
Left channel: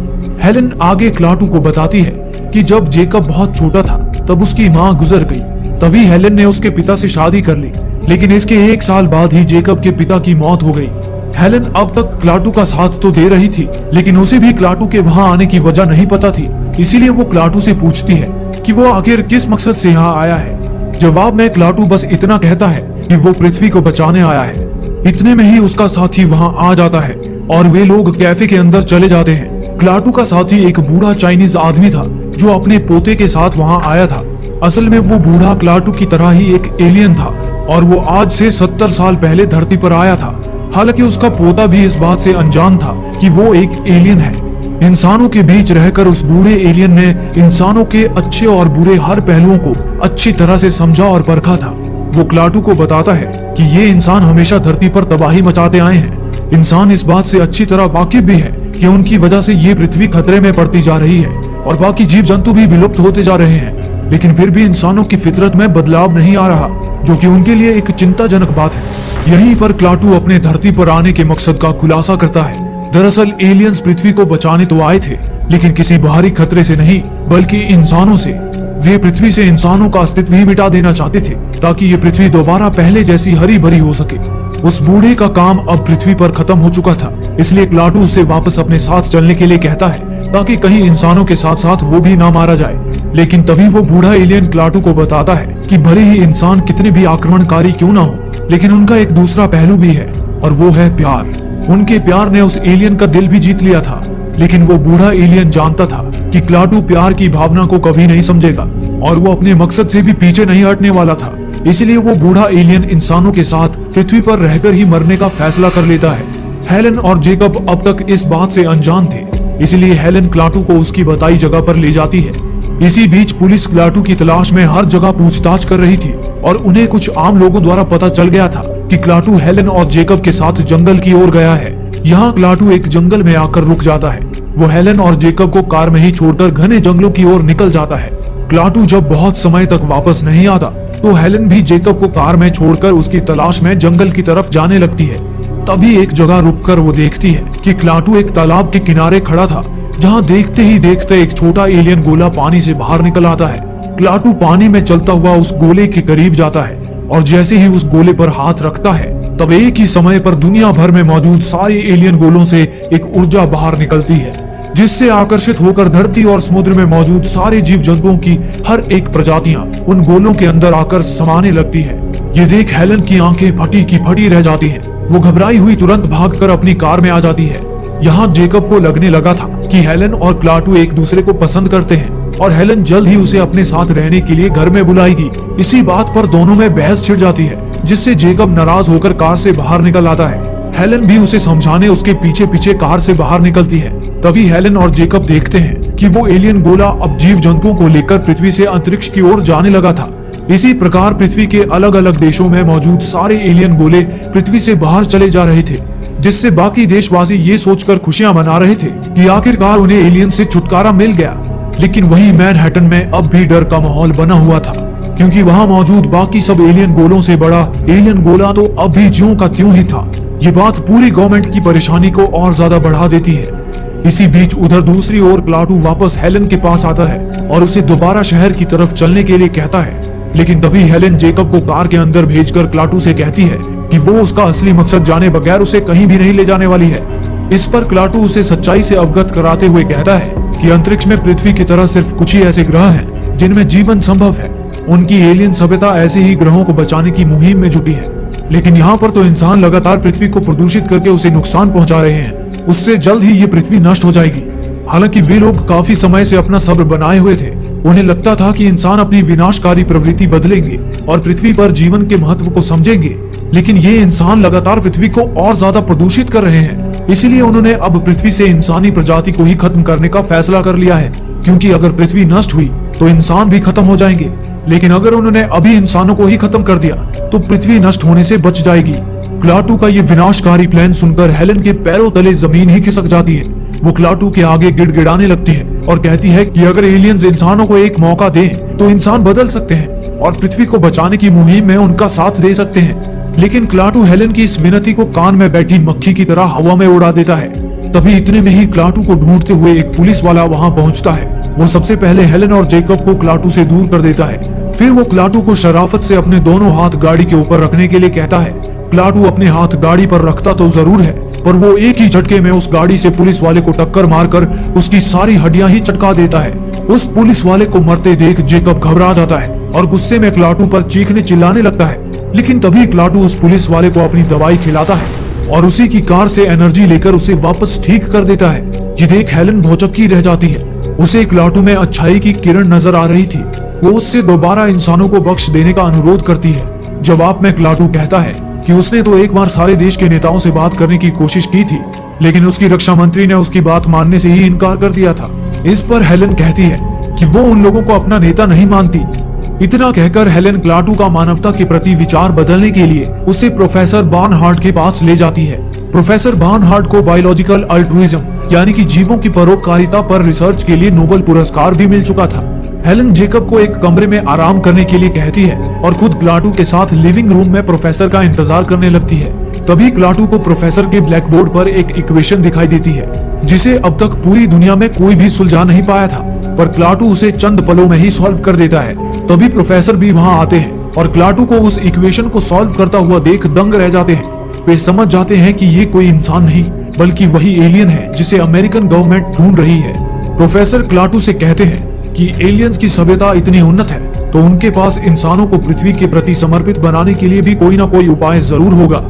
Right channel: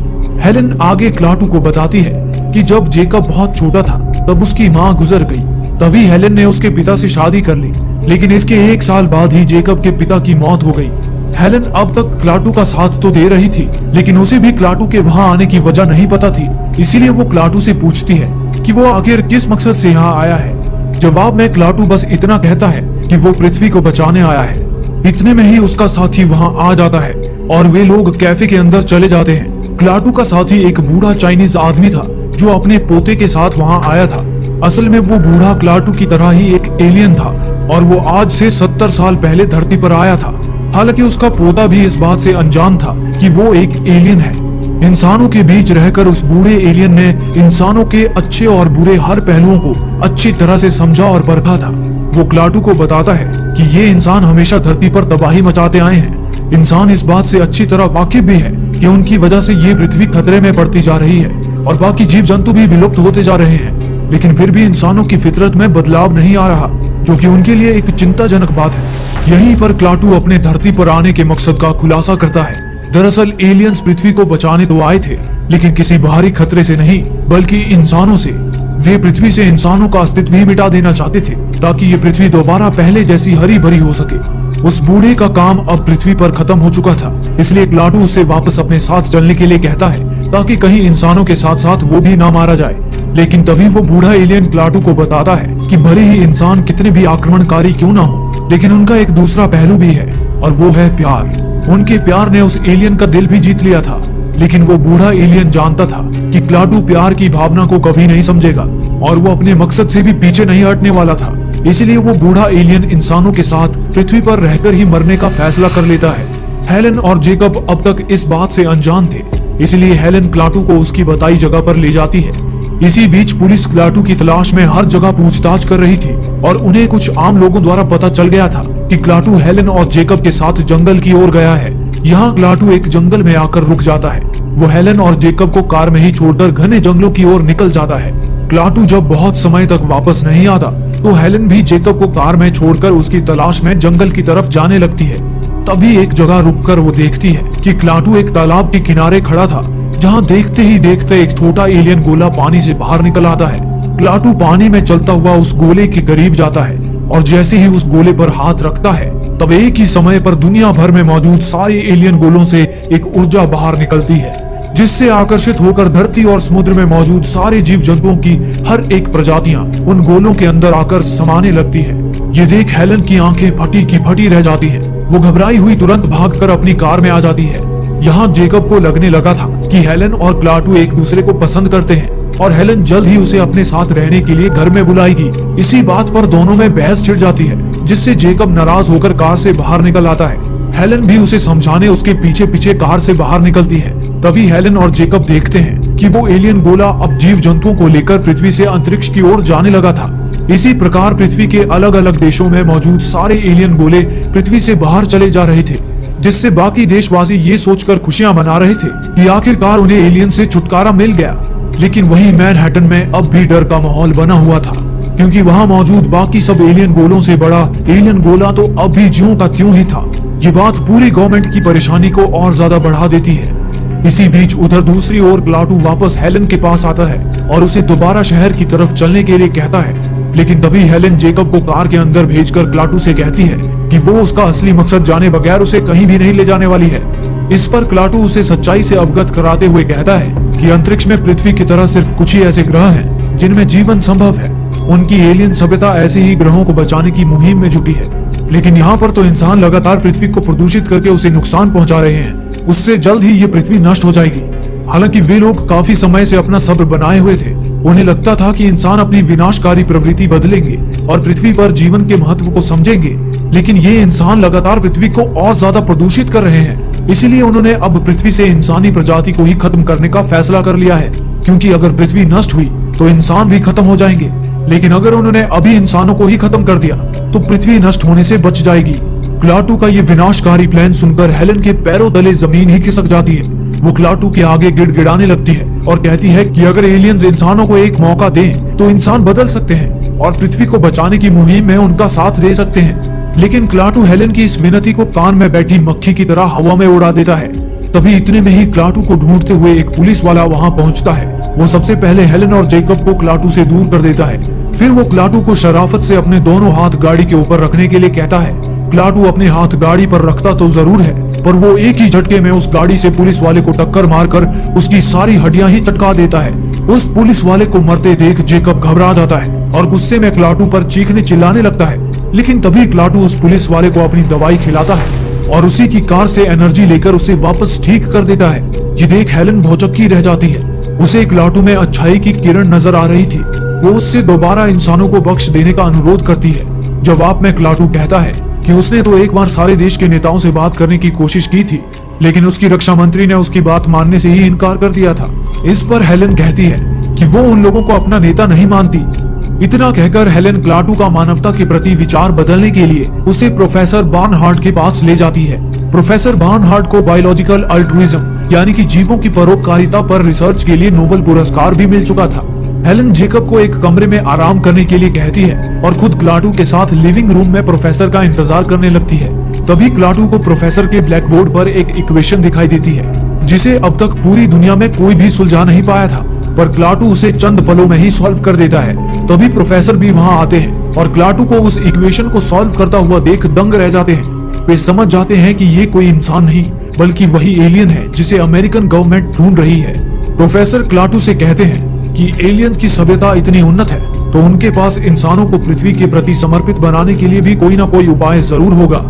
हेलेन आगे क्लाटू को बताती है कि जब जेकब बहुत छोटा था तब उसकी माँ गुजर गई। तभी हेलेन ने उसके पिता से शादी कर ली, लेकिन इसके 1 साल बाद ही जेकब के पिता की मौत हो गई। हेलेन अब तक क्लाटू का साथ तो दे रही थी, लेकिन उसे भी क्लाटू के वहाँ आने की वजह नहीं पता थी। इसीलिए वो क्लाटू से पूछती है कि वो आखिर किस मकसद से यहाँ आया है। जवाब में क्लाटू बस इतना कहता है कि वो पृथ्वी को बचाने आया है। इतने में ही उसका साथी वहाँ आ जाता है और वे लोग कैफे के अंदर चले जाते हैं। क्लाटू का साथी एक बूढ़ा चाइनीज आदमी था जो अपने पोते के साथ वहाँ आया था। असल में वो बूढ़ा क्लाटू की तरह ही एक एलियन था और वो आज से 70 साल पहले धरती पर आया था। हालांकि उसका पोता भी इस बात से अनजान था कि वो एक एलियन है। इंसानों के बीच रहकर उस बूढ़े एलियन ने इंसानों के अच्छे और बुरे हर पहलुओं को अच्छी तरह से समझा और परखा था। वो क्लाटू को बताता है कि ये इंसान हमेशा धरती पर तबाही मचाते आए हैं। इंसान इस बात से अच्छी तरह वाकिफ भी है कि उनकी वजह से ये पृथ्वी खतरे में पड़ती जा रही है और बाकी जीव जंतु भी विलुप्त होते जा रहे हैं। लेकिन फिर भी इंसानों की फितरत में बदलाव नहीं आ रहा, जो कि उनके लिए एक चिंताजनक बात है। यहीं पर क्लाटू अपने धरती पर आने के मकसद का खुलासा करता है। दरअसल एलियंस पृथ्वी को बचाने तो आए थे, लेकिन किसी बाहरी खतरे से नहीं, बल्कि इंसानों से। वे पृथ्वी से इंसानों का अस्तित्व ही मिटा देना चाहते थे, ताकि ये पृथ्वी दोबारा पहले जैसी हरी भरी हो सके। उस बूढ़े का काम अब पृथ्वी पर खत्म हो चुका था, इसलिए क्लाटू उसे वापस अपने साथ चलने के लिए कहता है, ताकि कहीं इंसानों के साथ साथ वो भी ना मारा जाए। लेकिन तभी वो बूढ़ा एलियन क्लाटू को बताता है कि भले ही इंसान कितने भी आक्रमणकारी क्यों ना हो, लेकिन उनका एक दूसरा पहलू भी है, और वो है प्यार। उनके प्यार ने उस एलियन का दिल भी जीत लिया था। लेकिन वो बूढ़ा एलियन जानता था कि क्लाटू प्यार की भावना को कभी नहीं समझेगा और वो अपने मकसद से भी पीछे नहीं हटने वाला था। इसलिए वो बूढ़ा एलियन इंसानों के साथ पृथ्वी पर रहकर ही मरने का फैसला कर लेता है। हेलन और जेकब अब तक इस बात से अनजान थे, इसलिए हेलन क्लाटू को उसकी बताई जगह पर ले जाती है। इसी बीच पुलिस क्लाटू की तलाश में हर जगह पूछताछ कर रही थी और उन्हें कुछ आम लोगों द्वारा पता चल गया था कि क्लाटू हेलन और जेकब के साथ जंगल की ओर गया है। यहाँ क्लाटू एक जंगल में आकर रुक जाता है। वो हेलन और जेकब को कार में ही छोड़कर घने जंगलों की ओर निकल जाता है। क्लाटू जब बहुत समय तक वापस नहीं आता तो हेलन भी जेकब को कार में छोड़कर उसकी तलाश में जंगल की तरफ जाने लगती है। तभी एक जगह रुककर वो देखती है कि क्लाटू एक तालाब के किनारे खड़ा था, जहाँ देखते ही देखते एक छोटा एलियन गोला पानी से बाहर निकल आता है। क्लाटू पानी में चलता हुआ उस गोले के करीब जाता है और जैसे ही उस गोले पर हाथ रखता है तब एक ही समय पर दुनिया भर में मौजूद सारी एलियन गोलों से एक ऊर्जा बाहर निकलती है, जिससे आकर्षित होकर धरती और समुद्र में मौजूद सारे जीव जंतुओं की हर एक प्रजातियां उन गोलों के अंदर आकर समाने लगती है। ये देख हेलन की आंखें फटी की फटी रह जाती हैं। वो घबराई हुई तुरंत भागकर अपनी कार में आ जाती है। यहाँ जेकब को लगने लगा था कि हेलन और क्लाटू एक दूसरे को पसंद करते हैं और हेलन जल्द ही उसे अपने साथ रहने के लिए घर में बुलाएगी। इसी बात पर दोनों में बहस छिड़ जाती है, जिससे जेकब नाराज होकर कार से बाहर निकल आता है। हेलन भी उसे समझाने उसके पीछे पीछे कार से बाहर निकलती है। तभी हेलन और जेकब देखते हैं कि वो एलियन गोला अब जीव जंतुओं को लेकर पृथ्वी से अंतरिक्ष की ओर जाने लगा था। इसी प्रकार पृथ्वी के अलग अलग देशों में मौजूद सारे एलियन गोले पृथ्वी से बाहर चले जा रहे थे, जिससे बाकी देशवासी ये सोचकर खुशियां मना रहे थे कि आखिरकार उन्हें एलियन से छुटकारा मिल गया। लेकिन वही मैनहट्टन में अब भी डर का माहौल बना हुआ था, क्योंकि वहाँ मौजूद बाकी सब एलियन गोलों से बड़ा एलियन गोला तो अब भी ज्यों का त्यों ही था। ये बात पूरी गवर्नमेंट की परेशानी को और ज्यादा बढ़ा देती है। इसी बीच उधर दूसरी ओर क्लाटू वापस हेलन के पास आता है और उसे दोबारा शहर की तरफ चलने के लिए कहता है। लेकिन तभी हेलन जेकब को कार के अंदर भेजकर क्लाटू से कहती है कि वो उसका असली मकसद जाने बगैर उसे कहीं भी नहीं ले जाने वाली है। इस पर क्लाटू उसे सच्चाई से अवगत कराते हुए कहता है कि अंतरिक्ष में पृथ्वी की तरह सिर्फ कुछ ही ऐसे ग्रह हैं जिनमें जीवन संभव है। उनकी एलियन सभ्यता ऐसे ही ग्रहों को बचाने की मुहिम में जुटी है, लेकिन यहाँ पर तो इंसान लगातार पृथ्वी को प्रदूषित करके उसे नुकसान पहुँचा रहे हैं। उससे जल्द ही ये पृथ्वी नष्ट हो जाएगी। हालांकि वे लोग काफी समय से अपना सब्र बनाए हुए थे। उन्हें लगता था कि इंसान अपनी विनाशकारी प्रवृत्ति बदलेंगे और पृथ्वी पर जीवन के महत्व को समझेंगे, लेकिन ये इंसान लगातार पृथ्वी को और ज्यादा प्रदूषित कर रहे हैं। इसीलिए उन्होंने अब पृथ्वी से इंसानी प्रजाति को ही खत्म करने का फैसला कर लिया है, क्योंकि अगर पृथ्वी नष्ट हुई तो इंसान भी खत्म हो जाएंगे। लेकिन अगर उन्होंने अभी इंसानों को ही खत्म कर दिया तो पृथ्वी नष्ट होने से बच जाएगी। क्लाटू का ये विनाशकारी प्लान सुनकर हेलन के पैरों तले जमीन ही खिसक जाती है। वो क्लाटू के आगे गिड़गिड़ाने लगती है और कहती है कि अगर एलियंस इंसानों को एक मौका दे तो इंसान बदल सकते हैं और पृथ्वी को बचाने की मुहिम में उनका साथ दे सकते हैं। लेकिन क्लाटू हेलन की इस विनती को कान में बैठी मक्खी की तरह हवा में उड़ा देता है। तभी इतने में ही क्लाटू को ढूंढते हुए एक पुलिस वाला वहाँ पहुँचता है। वो सबसे पहले हेलन और जेकब को क्लाटू से दूर कर देता है। फिर वो क्लाटू को शराफत से अपने दोनों हाथ गाड़ी के ऊपर रखने के लिए कहता है। क्लाटू अपने हाथ गाड़ी पर रखता तो जरूर है, पर वो एक ही झटके में उस गाड़ी से पुलिस वाले को टक्कर मारकर उसकी सारी हड्डियां ही चटका देता है। उस पुलिस वाले को मरते देख जेकब घबरा जाता है और गुस्से में क्लाटू पर चीखने चिल्लाने लगता है। लेकिन तभी क्लाटू उस पुलिस वाले को अपनी दवाई खिलाता है और उसी की कार से एनर्जी लेकर उसे वापस ठीक कर देता है। ये देख हेलन भौचक्की रह जाती है। उसे क्लाटू में अच्छाई की किरण नजर आ रही थी। वो उससे दोबारा इंसानों को बख्श देने का अनुरोध करती है। जवाब में क्लाटू कहता है कि उसने तो एक बार सारे देश के नेताओं से बात करने की कोशिश की थी, लेकिन उसकी रक्षा मंत्री ने उसकी बात मानने से ही इनकार कर दिया था। इस पर हेलन कहती है कि वो उन लोगों को अपना नेता नहीं मानती। इतना कहकर हेलन क्लाटू का मानवता के प्रति विचार बदलने के लिए उसे प्रोफेसर बार्नहार्ट के पास ले जाती है। प्रोफेसर बार्नहार्ट को बायोलॉजिकल अल्ट्रुइज्म यानी कि जीवों की परोपकारिता पर रिसर्च के लिए नोबेल पुरस्कार भी मिल चुका था। हेलन जेकब को एक कमरे में आराम करने के लिए कहती है और खुद क्लाटू के साथ लिविंग रूम में प्रोफेसर का इंतजार करने लगती है। तभी क्लाटू को प्रोफेसर के ब्लैक बोर्ड पर एक इक्वेशन दिखाई देती है, जिसे अब तक पूरी दुनिया में कोई भी सुलझा नहीं पाया था, पर क्लाटू उसे चंद पलों में ही सॉल्व कर देता है। तभी प्रोफेसर भी वहाँ आते हैं और क्लाटू को उस इक्वेशन को सॉल्व करता हुआ देख दंग रह जाते हैं। वे समझ जाते हैं कि ये कोई इंसान नहीं बल्कि वही एलियन है जिसे अमेरिकन गवर्नमेंट ढूंढ रही है। प्रोफेसर क्लाटू से कहते हैं कि एलियंस की सभ्यता इतनी उन्नत है तो उनके पास इंसानों को पृथ्वी के प्रति समर्पित बनाने के लिए भी कोई ना कोई उपाय जरूर होगा।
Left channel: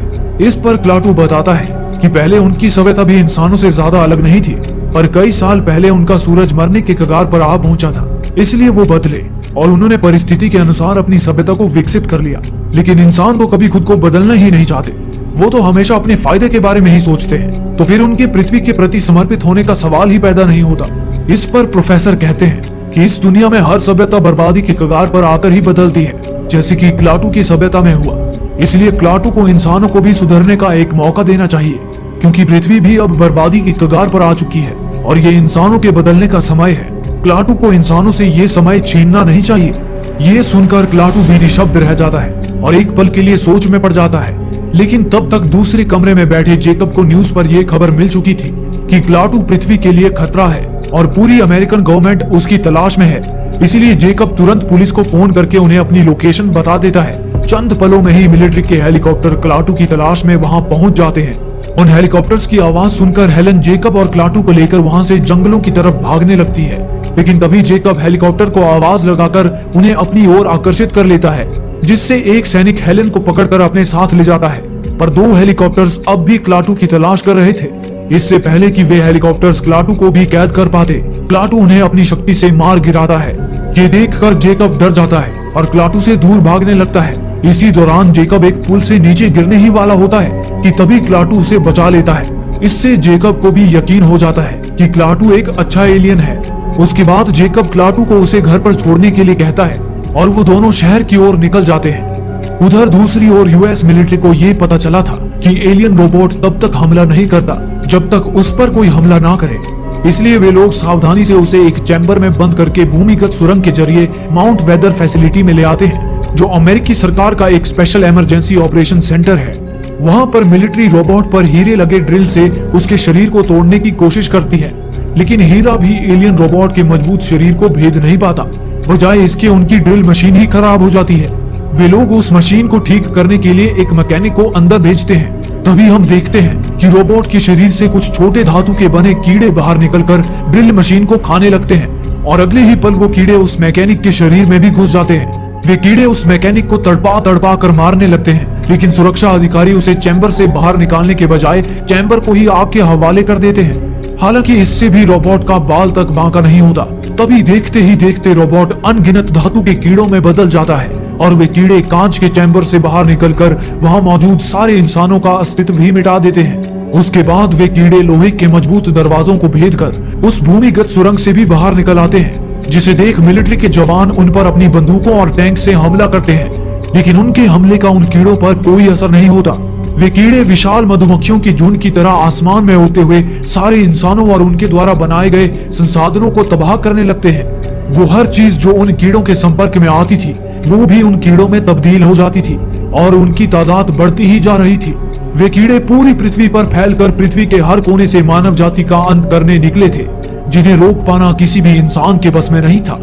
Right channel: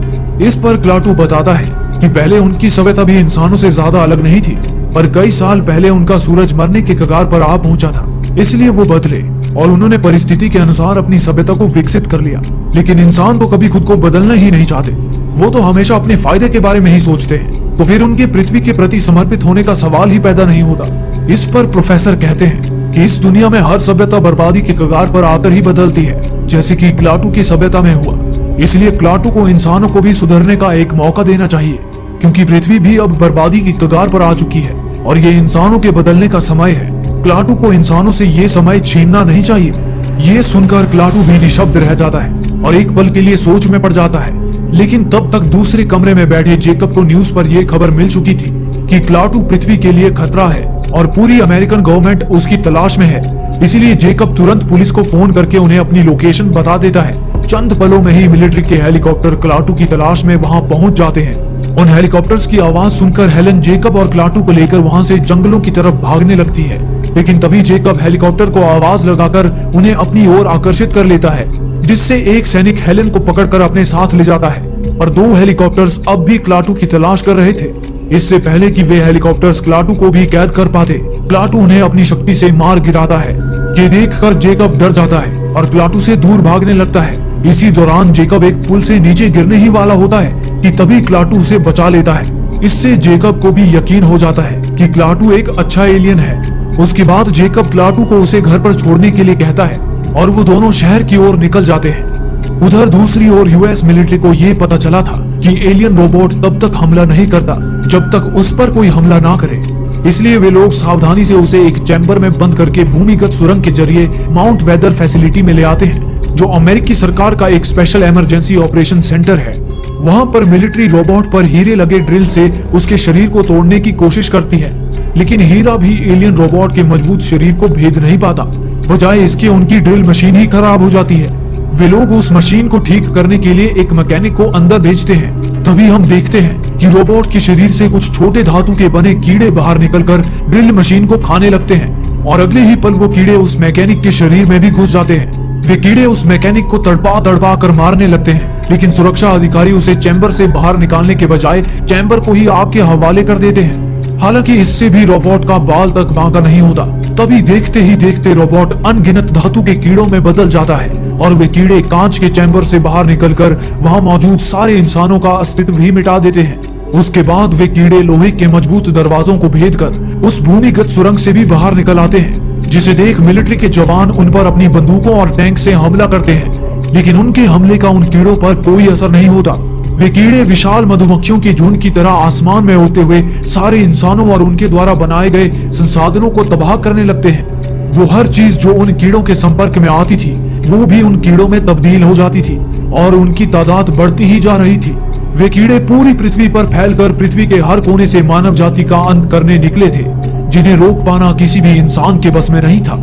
इस पर क्लाटू बताता है कि पहले उनकी सभ्यता भी इंसानों से ज्यादा अलग नहीं थी, पर कई साल पहले उनका सूरज मरने के कगार पर आ पहुंचा था। इसलिए वो बदले और उन्होंने परिस्थिति के अनुसार अपनी सभ्यता को विकसित कर लिया। लेकिन इंसान को कभी खुद को बदलना ही नहीं चाहते, वो तो हमेशा अपने फायदे के बारे में ही सोचते हैं। तो फिर उनकी पृथ्वी के प्रति समर्पित होने का सवाल ही पैदा नहीं होता। इस पर प्रोफेसर कहते हैं कि इस दुनिया में हर सभ्यता बर्बादी की कगार पर आकर ही बदलती है, जैसे कि क्लाटू की सभ्यता में हुआ। इसलिए क्लाटू को इंसानों को भी सुधरने का एक मौका देना चाहिए, क्योंकि पृथ्वी भी अब बर्बादी की कगार पर आ चुकी है और ये इंसानों के बदलने का समय है। क्लाटू को इंसानों से ये समय छीनना नहीं चाहिए। ये सुनकर क्लाटू भी निशब्द रह जाता है और एक पल के लिए सोच में पड़ जाता है। लेकिन तब तक दूसरे कमरे में बैठे जेकब को न्यूज पर यह खबर मिल चुकी थी कि क्लाटू पृथ्वी के लिए खतरा है और पूरी अमेरिकन गवर्नमेंट उसकी तलाश में है। इसलिए जेकब तुरंत पुलिस को फोन करके उन्हें अपनी लोकेशन बता देता है। चंद पलों में ही मिलिट्री के हेलीकॉप्टर क्लाटू की तलाश में वहां पहुंच जाते हैं। उन हेलीकॉप्टर्स की आवाज सुनकर हेलन जेकब और क्लाटू को लेकर वहां से जंगलों की तरफ भागने लगती है। लेकिन तभी जेकब हेलीकॉप्टर को आवाज लगाकर उन्हें अपनी ओर आकर्षित कर लेता है, जिससे एक सैनिक हेलन को पकड़कर अपने साथ ले जाता है। पर दो हेलीकॉप्टर्स अब भी क्लाटू की तलाश कर रहे थे। इससे पहले कि वे हेलीकॉप्टर्स क्लाटू को भी कैद कर पाते, क्लाटू उन्हें अपनी शक्ति से मार गिराता है। ये देखकर जेकब डर जाता है और क्लाटू से दूर भागने लगता है। इसी दौरान जेकब एक पुल से नीचे गिरने ही वाला होता है कि तभी क्लाटू उसे बचा लेता है। इससे जेकब को भी यकीन हो जाता है कि क्लाटू एक अच्छा एलियन है। उसके बाद जेकब क्लाटू को उसे घर पर छोड़ने के लिए कहता है और वो दोनों शहर की ओर निकल जाते हैं। उधर दूसरी ओर यूएस मिलिट्री को ये पता चला था कि एलियन रोबोट तब तक हमला नहीं करता जब तक उस पर कोई हमला ना करे। इसलिए वे लोग सावधानी से उसे एक चैम्बर में बंद करके भूमिगत सुरंग के जरिए माउंट वेदर फैसिलिटी में ले आते हैं, जो अमेरिकी सरकार का एक स्पेशल इमरजेंसी ऑपरेशन सेंटर है। वहाँ पर मिलिट्री रोबोट पर हीरे लगे ड्रिल से उसके शरीर को तोड़ने की कोशिश करती है, लेकिन हीरा भी एलियन रोबोट के मजबूत शरीर को भेद नहीं पाता। बजाय इसके उनकी ड्रिल मशीन ही खराब हो जाती है। वे लोग उस मशीन को ठीक करने के लिए एक मैकेनिक को अंदर भेजते हैं। तभी हम देखते हैं कि रोबोट के शरीर से कुछ छोटे धातु के बने कीड़े बाहर निकलकर ड्रिल मशीन को खाने लगते हैं और अगले ही पल वो कीड़े उस मैकेनिक के शरीर में भी घुस जाते हैं। वे कीड़े उस मैकेनिक को तड़पा कर मारने लगते हैं, लेकिन सुरक्षा अधिकारी उसे चैम्बर से बाहर निकालने के बजाय चैम्बर को ही आग के हवाले कर देते हैं। हालांकि इससे भी रोबोट का बाल तक बांका नहीं होता। तभी देखते ही देखते रोबोट अनगिनत धातु के कीड़ों में बदल जाता है और वे कीड़े कांच के चैम्बर से बाहर निकलकर वहां मौजूद सारे इंसानों का अस्तित्व ही मिटा देते हैं। उसके बाद वे कीड़े लोहे के मजबूत दरवाजों को भेदकर उस भूमिगत सुरंग से भी बाहर निकल आते हैं, जिसे देख मिलिट्री के जवान उन पर अपनी बंदूकों और टैंक से हमला करते हैं। लेकिन उनके हमले का उन कीड़ों पर कोई असर नहीं होता। वे कीड़े विशाल मधुमक्खियों के झुंड की तरह आसमान में उड़ते हुए सारे इंसानों और उनके द्वारा बनाए गए संसाधनों को तबाह करने लगते हैं। वो हर चीज जो उन कीड़ों के संपर्क में आती थी वो भी उन कीड़ों में तब्दील हो जाती थी और उनकी तादाद बढ़ती ही जा रही थी। वे कीड़े पूरी पृथ्वी पर फैलकर पृथ्वी के हर कोने से मानव जाति का अंत करने निकले थे, जिन्हें रोक पाना किसी भी इंसान के बस में नहीं था।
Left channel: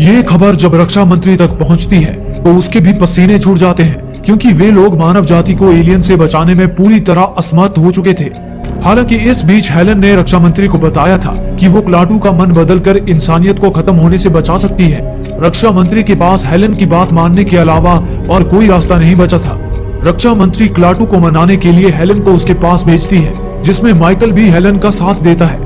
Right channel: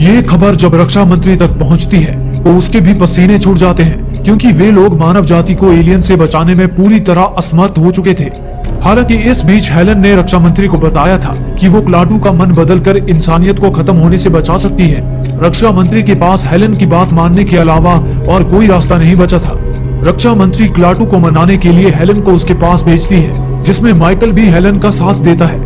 यह खबर जब रक्षा मंत्री तक पहुंचती है तो उसके भी पसीने छूट जाते हैं, क्योंकि वे लोग मानव जाति को एलियन से बचाने में पूरी तरह असमर्थ हो चुके थे। हालांकि इस बीच हेलन ने रक्षा मंत्री को बताया था कि वो क्लाटू का मन बदलकर इंसानियत को खत्म होने से बचा सकती है। रक्षा मंत्री के पास हेलन की बात मानने के अलावा और कोई रास्ता नहीं बचा था। रक्षा मंत्री क्लाटू को मनाने के लिए हेलन को उसके पास भेजती है, जिसमें माइकल भी हेलन का साथ देता है।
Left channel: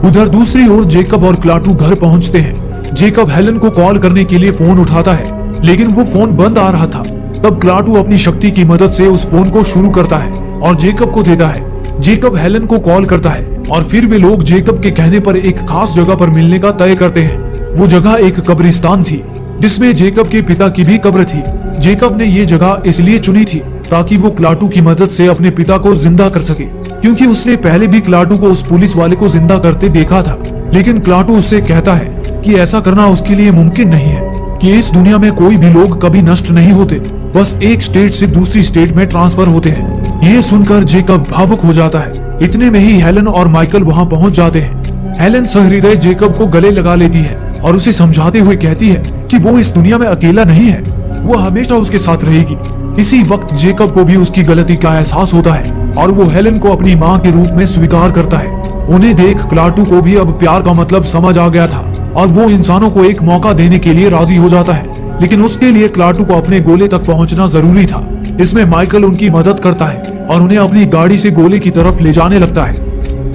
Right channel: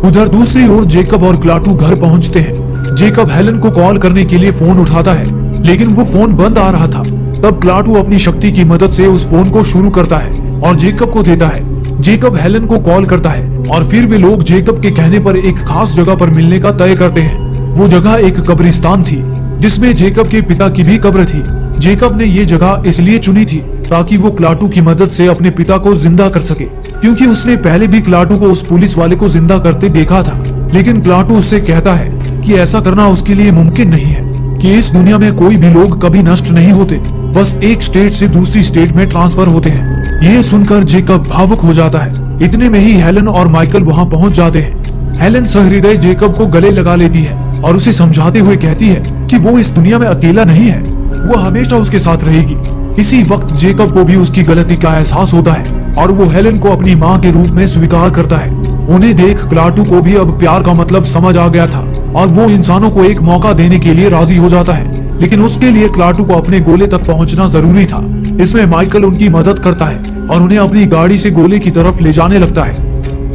उधर दूसरी ओर जेकब और क्लाटू घर पहुंचते हैं। जेकब हेलन को कॉल करने के लिए फोन उठाता है, लेकिन वो फोन बंद आ रहा था। तब क्लाटू अपनी शक्ति की मदद से उस फोन को शुरू करता है और जेकब को देता है। जेकब हेलन को कॉल करता है और फिर वे लोग जेकब के कहने पर एक खास जगह पर मिलने का तय करते हैं। वो जगह एक कब्रिस्तान थी, जिसमें जेकब के पिता की भी कब्र थी। जेकब ने ये जगह इसलिए चुनी थी ताकि वो क्लाटू की मदद से अपने पिता को जिंदा कर सके, क्योंकि उसने पहले भी क्लाटू को उस पुलिस वाले को जिंदा करते देखा था। लेकिन क्लाटू उससे कहता है कि ऐसा करना उसके लिए मुमकिन नहीं है, कि इस दुनिया में कोई भी लोग कभी नष्ट नहीं होते, बस एक स्टेट से दूसरी स्टेट में ट्रांसफर होते हैं। ये सुनकर जेकब भावुक हो जाता है। इतने में ही हेलन और माइकल वहाँ पहुँच जाते हैं। हेलन सहृदय जेकब को गले लगा लेती है और उसे समझाते हुए कहती है कि वो इस दुनिया में अकेला नहीं है, वो हमेशा उसके साथ रहेगी। इसी वक्त जेकब को भी उसकी गलती का एहसास होता है और वो हेलन को अपनी माँ के रूप में स्वीकार करता है। उन्हें देख क्लाटू को भी अब प्यार का मतलब समझ आ गया था और वो इंसानों को एक मौका देने के लिए राजी हो जाता है। लेकिन उसके लिए क्लाटू को अपने गोले तक पहुंचना जरूरी था। इसमें माइकल उनकी मदद करता है और उन्हें अपनी गाड़ी से गोले की तरफ ले जाने लगता है।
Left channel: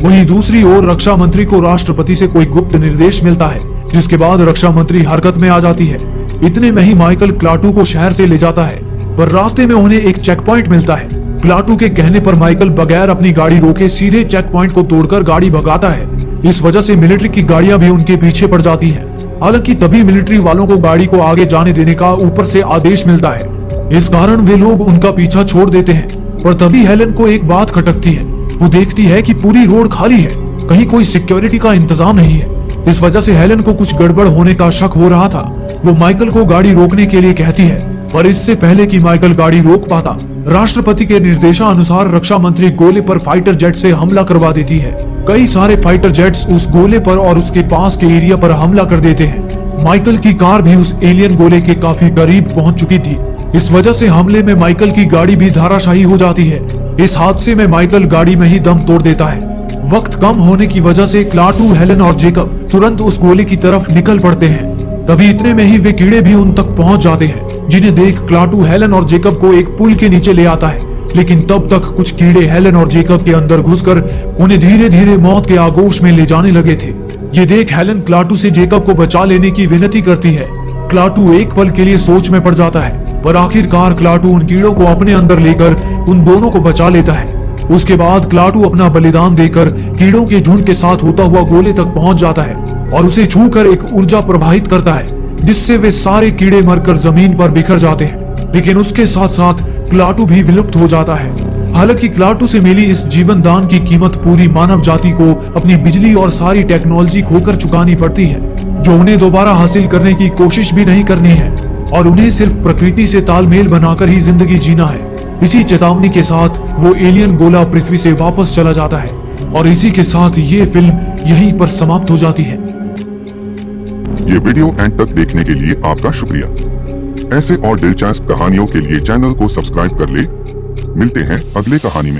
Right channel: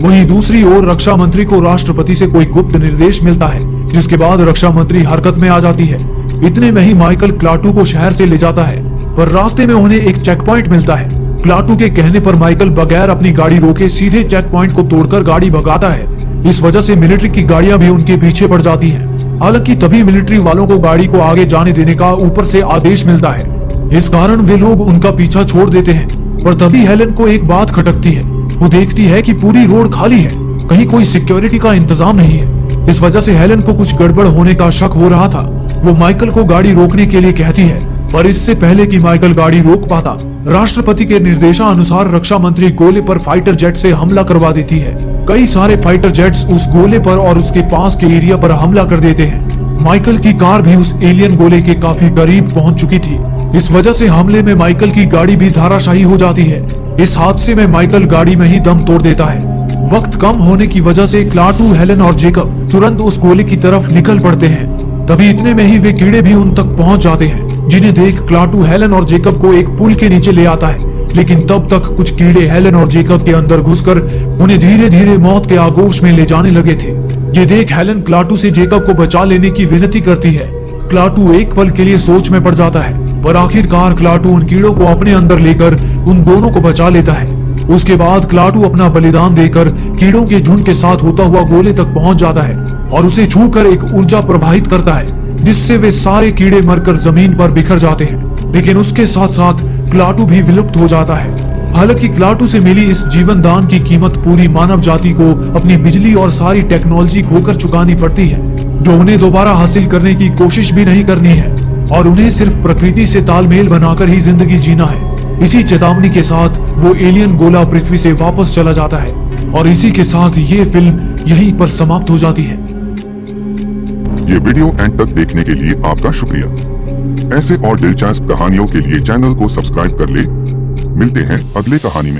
वहीं दूसरी ओर रक्षा मंत्री को राष्ट्रपति से कोई गुप्त निर्देश मिलता है जिसके बाद रक्षा मंत्री हरकत में आ जाती है। इतने में ही माइकल क्लाटू को शहर से ले जाता है, पर रास्ते में उन्हें एक चेक पॉइंट मिलता है। क्लाटू के कहने पर माइकल बगैर अपनी गाड़ी रोके सीधे चेक पॉइंट को तोड़कर गाड़ी भगाता है। इस वजह से मिलिट्री की गाड़ियां भी उनके पीछे पड़ जाती हैं। हालांकि तभी मिलिट्री वालों को गाड़ी को आगे जाने देने का ऊपर से आदेश मिलता है। इस कारण वे लोग उनका पीछा छोड़ देते हैं। पर तभी हेलन को एक बात खटकती है। वो देखती है कि पूरी रोड खाली है, कहीं कोई सिक्योरिटी का इंतजाम नहीं है। इस वजह से हेलन को कुछ गड़बड़ होने का शक हो रहा था। वो माइकल को गाड़ी रोकने के लिए कहती है, पर इससे पहले कि माइकल गाड़ी रोक पाता, राष्ट्रपति के निर्देशानुसार रक्षा मंत्री गोले पर फाइटर जेट से हमला करवा देती है। कई सारे फाइटर जेट्स उस गोले पर और उसके पास के एरिया पर हमला कर देते हैं। माइकल की कार भी उस एलियन गोले के काफी करीब पहुंच चुकी थी। इस वजह से हमले में माइकल की गाड़ी भी धराशायी हो जाती है। इस हादसे में माइकल गाड़ी में ही दम तोड़ देता है। वक्त कम होने की वजह से क्लाटू, हेलन और जेकब तुरंत उस गोले की तरफ निकल पड़ते हैं। तभी इतने में ही वे कीड़े भी उन तक पहुंच जाते हैं, जिन्हें देख क्लाटू हेलन और जेकब को एक पुल के नीचे ले आता है। लेकिन तब तक कुछ कीड़े हेलन और जेकब के अंदर घुसकर उन्हें धीरे धीरे मौत के आगोश में ले जाने लगे थे। ये देख हेलन क्लाटू से जेकब को बचा लेने की विनती करती है। क्लाटू एक पल के लिए सोच में पड़ जाता है, पर आखिरकार क्लाटू उन कीड़ों को अपने अंदर लेकर उन दोनों को बचा लेता है। उसके बाद क्लाटू अपना बलिदान देकर कीड़ों के झुंड के साथ होता हुआ गोले तक पहुंच जाता है और उसे छूकर एक ऊर्जा प्रवाहित करता है, जिससे वे सारे कीड़े मरकर जमीन पर बिखर जाते हैं। लेकिन उसके साथ साथ क्लाटू भी विलुप्त हो जाता है। हालांकि क्लाटू से मिली इस जीवन दान की कीमत पूरी मानव जाति को अपनी बिजली और सारी टेक्नोलॉजी खोकर चुकानी पड़ती है, जो उन्हें दोबारा हासिल करने की कोशिश भी नहीं करनी है और उन्हें सिर्फ प्रकृति से तालमेल बनाकर ही जिंदगी जीना है। इसी चेतावनी के साथ वो एलियन गोला पृथ्वी से वापस चला जाता है और इसी के साथ ये फिल्म यहीं पर समाप्त हो जाती है। ये वीडियो एंड तक देखने के लिए आपका शुक्रिया। ऐसे और दिलचस्प कहानियों के लिए चैनल को सब्सक्राइब कर ले। मिलते हैं अगले कहानी में।